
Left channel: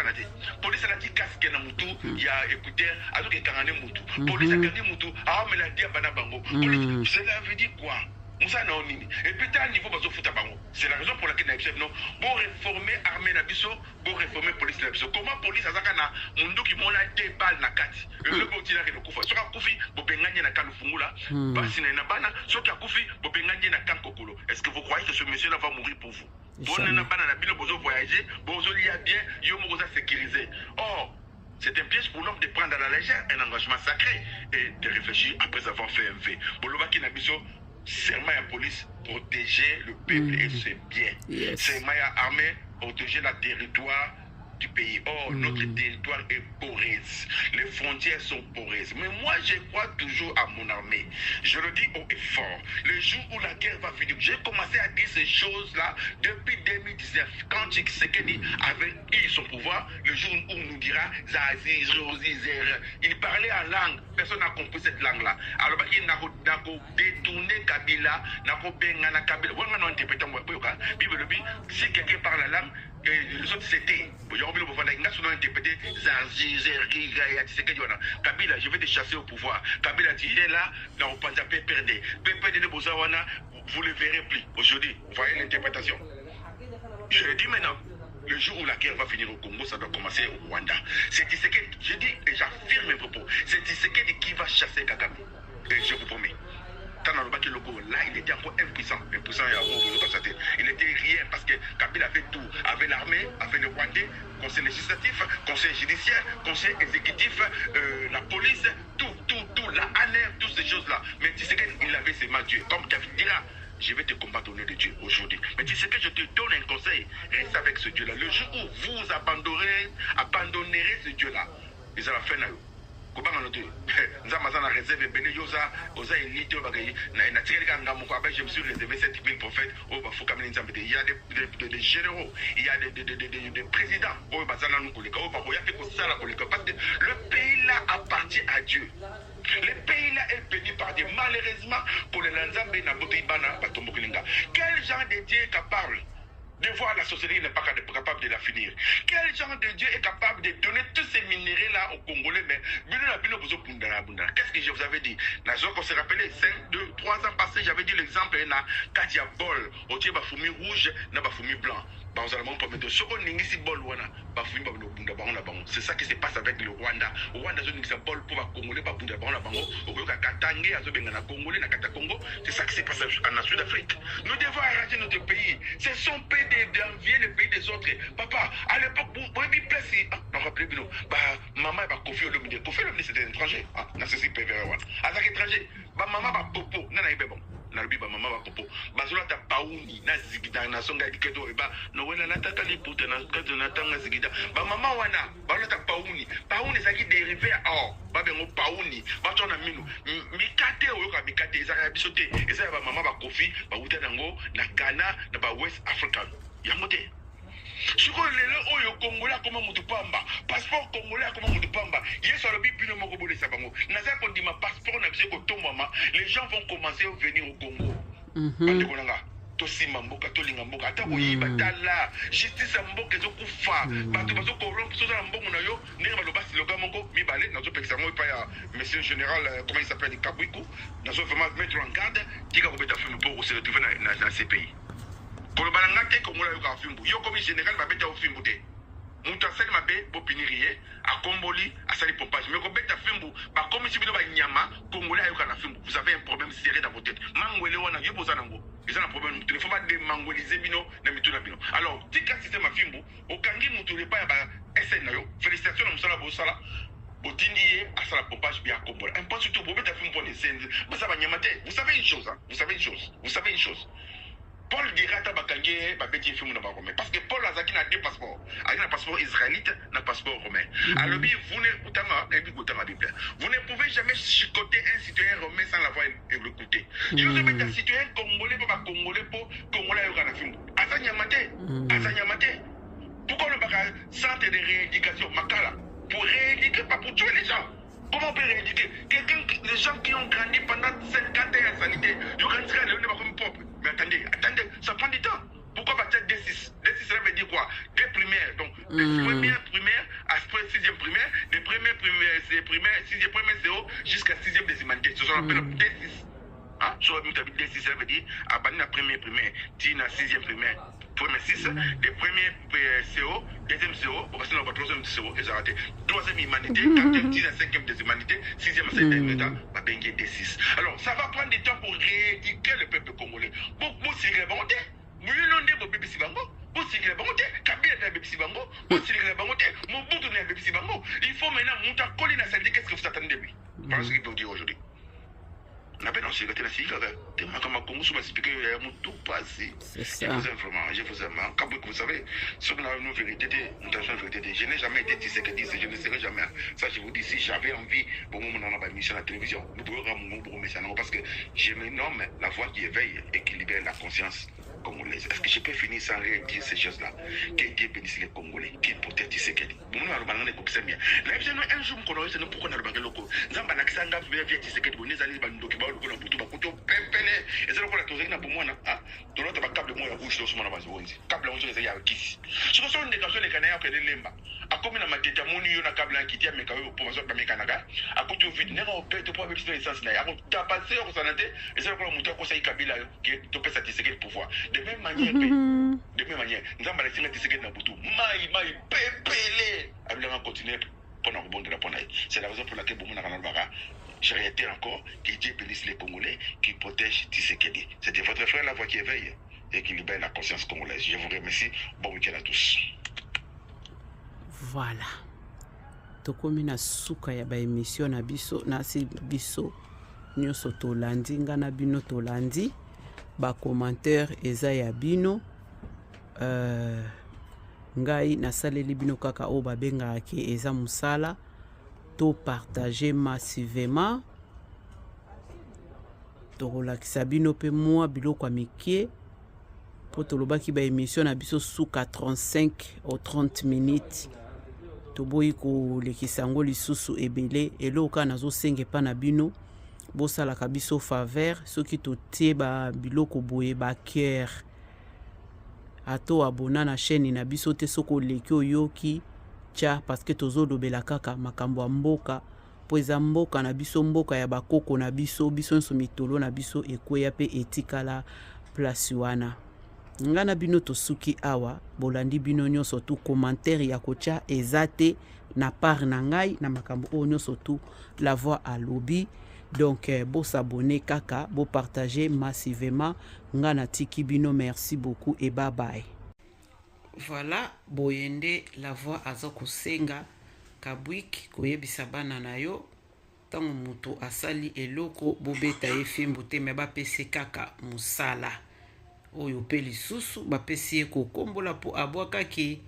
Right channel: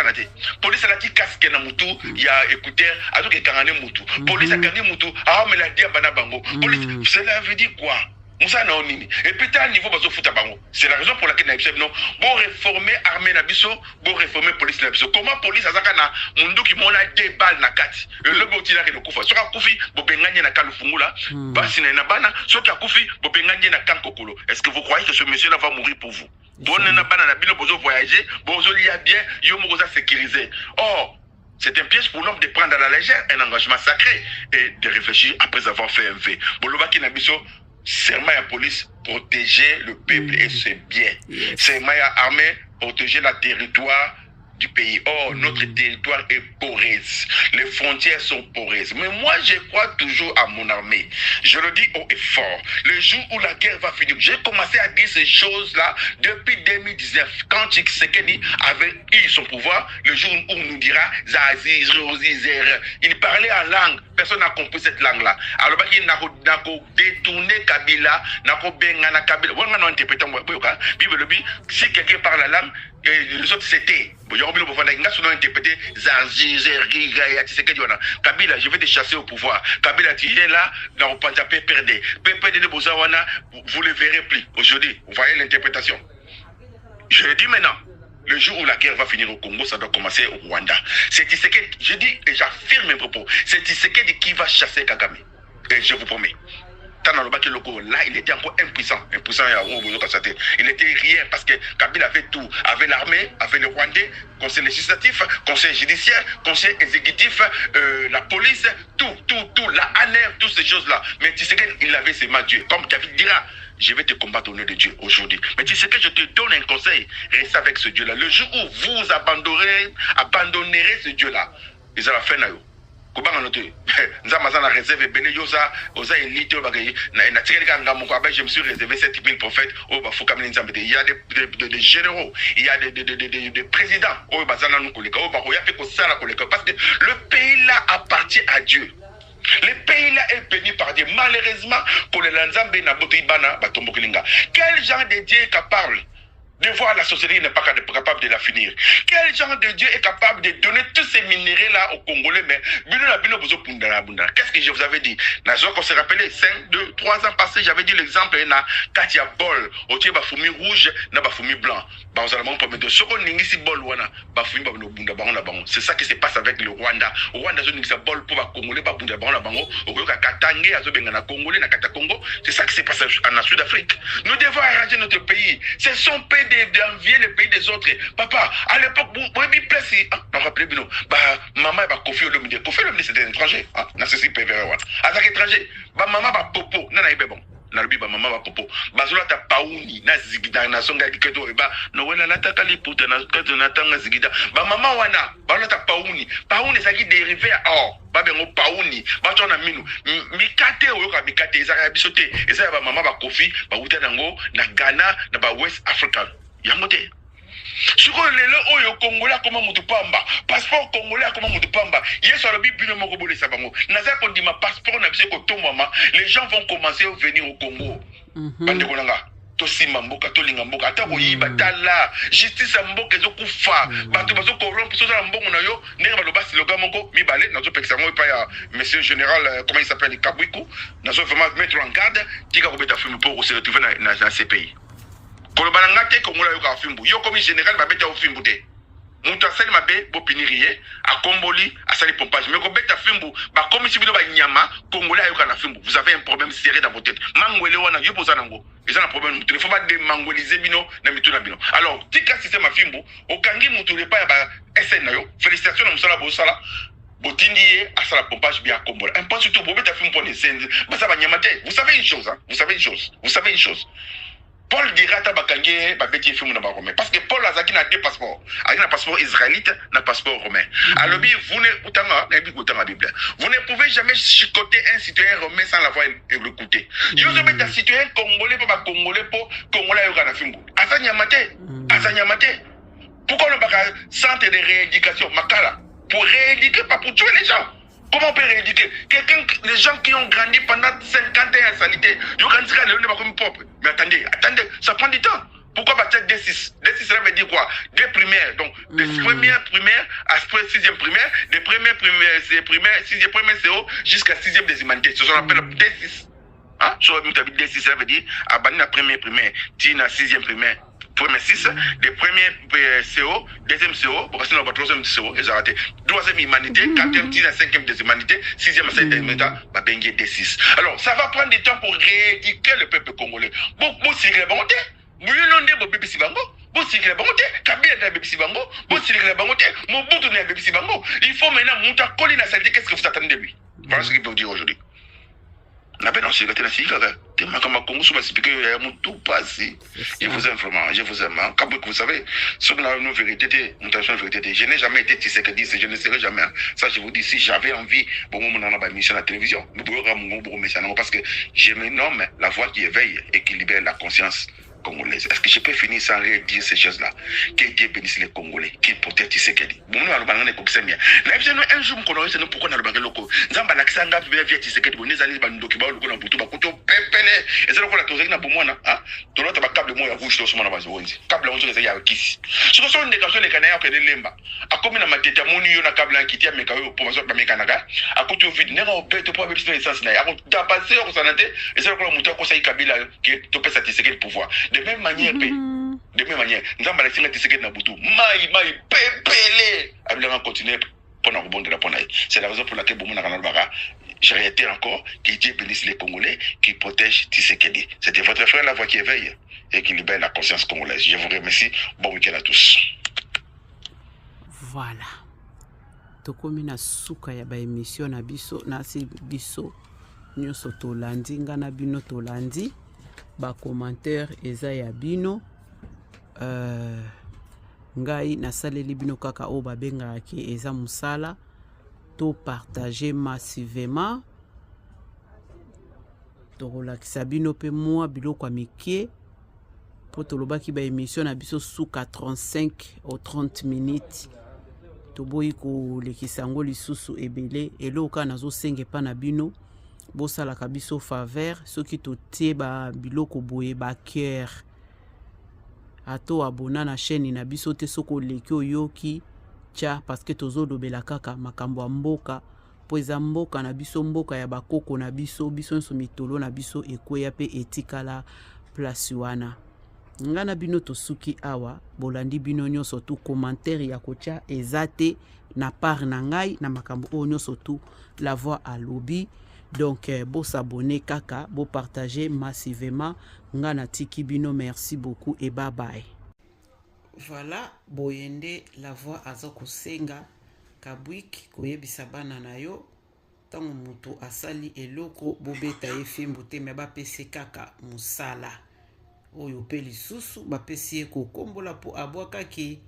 Police a dit casque na mutu, il y a écouteur, a donc carane mutu. Police a gagné mutu, a mais la dia bana bango. Police, cela veut dire quoi? Moussa na onini. Et puis t'as un niveau bazo futa bango. C'est la raison pour laquelle naïbseb non. Bon réformer armée na biso, bon réformer police na biso. Comment police azaka na mundu qui mona 2 balles na kati. Le boti na ke kufa. Soka kufi bo benganye na kalufungula. Basi na bana, soka kufi bo benganye na kankokolo. Est-ce que vous croyez que ce monsieur là va mourir pour vous? Bon na bana na bino bozo voyager, bozo lia bien, yo mo boza sécuriser. Or c'est un piège pour l'homme de prendre à la légère un engagement sacré et de réfléchir après avoir fait un V. Bolobaki na biso serment à police, protéger le peuple et ses biens. Serment à armée, protéger le territoire du pays. Or, notre territoire est poreux. Les frontières sont poreuses. Mais moi, je crois toujours à mon armée. Je le dis haut et fort. Le jour où la guerre va finir, j'ai commencé à dire ces choses-là depuis 2019. Quand Tshisekedi avait eu son pouvoir, le jour où on nous dira Zaziz, Rosizer, il parlait en langue. Personne n'a compris cette langue-là. Alors, il n'a détourné Kabila, n'a pas Kabila. Si quelqu'un parle la langue, et les autres c'était. Interprété Kabila, je vais te chasser au pouvoir. Kabila, tu es là, dans le Panjapé perdé. Vous ne le verrez plus. Aujourd'hui, vous voyez l'interprétation. Je le dis maintenant. Le jour où la guerre va finir au Congo, ça doit commencer au Rwanda. C'est Tshisekedi, je dis et j'affirme mes propos, c'est Tshisekedi qui va chasser Kagame. Et je vous promets. Là, il était encore impuissant. Il était rien parce que Kabila avait tout. Avait l'armée, avait le Rwandais, conseil législatif, conseil judiciaire, conseil exécutif, la police, tout, la ANR, toutes ces choses-là. Mais Tshisekedi, il avait ses mains Dieu. Comme David dira, je vais te combattre au nom de Dieu aujourd'hui. Mais tu sais que je te donne un conseil. Reste avec ce Dieu-là. Le jour où vous abandonnerez ce Dieu-là, ils ont la fin. Nous avons réservé je me suis réservé 7000 prophètes. Il y a des généraux, il y a des présidents. Parce que le pays là appartient à Dieu. Le pays là est béni par Dieu. Malheureusement, quel genre de Dieu est capable de voir la société n'est pas capable de la finir? Quel genre de Dieu est capable de donner tous ces minéraux-là aux Congolais? Mais qu'est-ce que je vous avais dit? On s'est rappelé 5, 2, 3 ans passés, j'avais dit l'exemple, quand il y a bol, au il y a fourmi rouge, il y a fourmi blanc. C'est ça qui se passe avec le Rwanda. Au Rwanda, bol pour les Congolais, c'est ça qui se passe en Sud-Afrique. Nous devons arranger notre pays. C'est son pays d'envier le pays des autres. Papa, à l'époque, vous avez place, maman va Kofi Olomide. Kofi Olomide, c'était un étranger. C'est un étranger. Maman va popo. Non, nalobi ba mama ba popo bazola ta pauni na zigida na songa diketo eba no wena nataka liputa na kato natanga zigida ba mama wana ba ta pauni ça qui dérivé or ba bengo pauni ba tona minu mikate oyoka mikate ezaka bisote eza ba mama ba kofi ba uta nango na Ghana na ba West African yangote. Siko lelo oyo Congolais comme mutu pamba passeport Congolais comme mutu pamba yeso alobi bino moko bole sabango naza kondima passeport na biso ko tomama les gens vont commencer à venir au Congo bande kolanga to simba mboka to linga mboka ata koyiba tala justice mboka ezokufa bato bazo corrompre so za mbongo na yo ndenge baloba slogan moko mibale nazo pekisa ngo pa ya monsieur général comment il s'appelle Kabwiku nazo vraiment mettre en garde tika ko beta film pour se retrouver na ces pays. Kolobalanga te Kongola yoka fimbu. Yo comme général ba beta fimbu te. Mutu asali mabe bo piniriye, a komboli, asali pompage. Mais ko beta fimbu, ba comme si bino ba nyama, Kongola yoka na fimbu. Vous avez un problème sérieux dans votre tête. Mangwele wana yo poza nango. Ils ont un problème. Il ne faut pas démangoliser bino na mituna bino. Alors, tika système a fimbu, okangi mutu le pa ba SN na yo. Félicitations na musala bo sala. Botindi asala pompage bien Kongola. Un point surtout bo beta fimbu pour les scènes. Ba ça ba nyama te. Vous savez une chose, hein? Vous savez une chose. Paul dira tabakange babeti film na Romain parce que Paul azaki na deux passeports. Azaki na passeport israélite na passeport romain. Alors vous ne pouvez jamais chicoter un citoyen romain sans l'avoir écouté. Yo zo beta citoyen congolais pas congolais pour congolais yo kana film. Azanyamate. Pourquoi le baka centre de rééducation makala pour rééduquer pas pour tuer les gens? Comment on peut rééduquer les gens qui ont grandi pendant 50 ans en sanité, ils ont grandi comme propre. Mais attendez, ça prend du temps. Pourquoi partir D6? D6, ça veut dire quoi? Des primaires. Donc, des premières primaires à 6e primaire, des premières primaires, 6e primaire CO jusqu'à 6e des humanités. C'est ce qu'on appelle D6. Hein? Sur le D6, ça veut dire à la première primaire, tu as 6e primaire. Premier 6, des premiers CO, deuxième CO, pour rester dans le troisième CO, ils ont raté. Troisième humanité, quatrième, 5e des humanités, 6e, 7e, bah, bengue D6. Alors, ça va prendre du temps pour rééduquer le peuple congolais. Beaucoup si remonté, Mouyononde, Bobi Sibango, Bossiré Bangote, Kabila de Bébé Sibango, Bossiré Bangote, Mobutu de Bébé Sibango. Il faut maintenant monter à Colina, ça dit qu'est-ce que vous attendez de lui. Voilà ce qu'il peut dire aujourd'hui. Je vous aime vraiment, je vous aime. Comme vous savez, sur la vérité, je n'ai jamais été Tshisekedi, je ne serai jamais. Ça, je vous dis, si j'avais envie, bon, on a une mission à la télévision, parce que je me nomme la voix qui éveille et qui libère la conscience congolaise. Est-ce que je peux finir sans rien dire ces choses-là? Que Dieu bénisse les Congolais, qu'il protège Tshisekedi. Bon, nous allons parler de ça. Un jour, nous pourquoi nous allons parler de Zamba Laksanga, via Tshisekedi, nous allons parler de Dokibao, nous allons parler de Pépélé. Et c'est là qu'on a posé une bombe, hein? Tu as un câble de rouge, tu as un câble rouge, tu as un kiss. Ce sont des canaux, les canards, qui sont lemba. A comme une matete, mon union, un câble qui tient, mais quand même, pour ma soeur, ma mécanaga, à côté au vide, n'est pas au bête, pour avoir une essence, n'a pas de passé au santé, et c'est là qu'on a monté au conseil Kabila, qui est topé satisfait le pouvoir. De même manière, nous avons laissé la Tshisekedi na Boutou. Maï, pépélé. Nous allons continuer pour nous rebondir la ponaille. C'est la raison pour laquelle j'ai réitéré encore que Dieu bénisse les Congolais qui protègent Tshisekedi. C'était votre frère La Voix qui éveille et qui libère la conscience congolaise. Je vous remercie. Bon week-end à tous. Voilà. Tokomi na suka ya ba émission na biso na si biso nyonso tolandi nga na bino tolandi ba commentaire eza ya bino ngai nasaleli bino kaka o babengaka ke eza musala to partager massivement tokolakisa bino pe mwa biloko ya mikie po tolobaki ba émission na biso suka 35 au 30 minutes toboyi kolekisa yango lisusu ebele eloka nazosenga epa na bino bosalaka biso faveur soki totie ba biloko boye ba cœur ato abona na chaîne na biso te soko oleki oyoki tia parce que tozolobela kaka makambo ya mboka po eza mboka na biso mboka ya bakoko na biso biso nso mitolo na biso ekweya pe etikala place wana nga na bino tosuki awa bolandi bino nyonso tu commentaire ya kotia eza te na part na ngai na makambo oyo nyonso tu La Voix alobi donc bo s'abonner kaka bo partager massivement nga na tiki bino merci beaucoup et bye bye. Voilà boyende La Voix azoko senga kabwik koyebisa bana na yo tango muto asali eloko bobeta efimbo te me bapese kaka musala oyo pe lisusu bapesi ye kokombola po abwakaki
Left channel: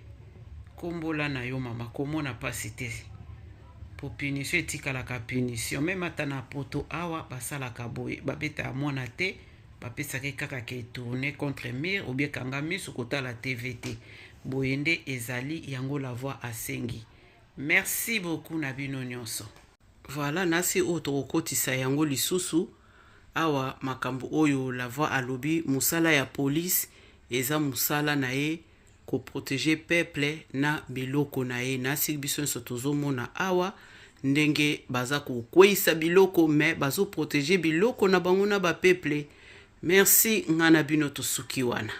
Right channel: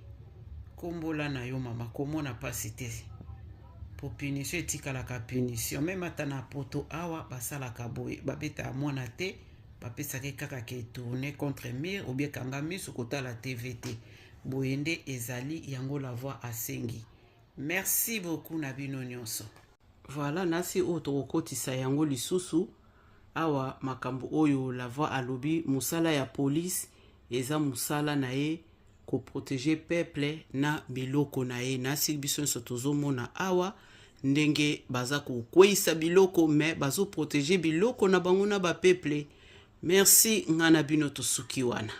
kombola na yo mama komona pasi te po punition etikalaka punition meme ata na poto awa basalaka boye babeta ya mwana te bapesaki kaka ke tourne contre mire ou bien kanga misu kotala TV te boyende ezali yango La Voix asengi. Merci beaucoup na bino nyonso. Voilà nasi oyo tokokotisa yango lisusu awa makambo oyo La Voix alobi musala ya police eza musala na ye ko protéger peuple na biloko na ye nasi biso nso tozomona awa ndenge baza ko kweisa biloko mais bazo protéger biloko na bango na ba peuple. Merci ngana bino tosuki wana.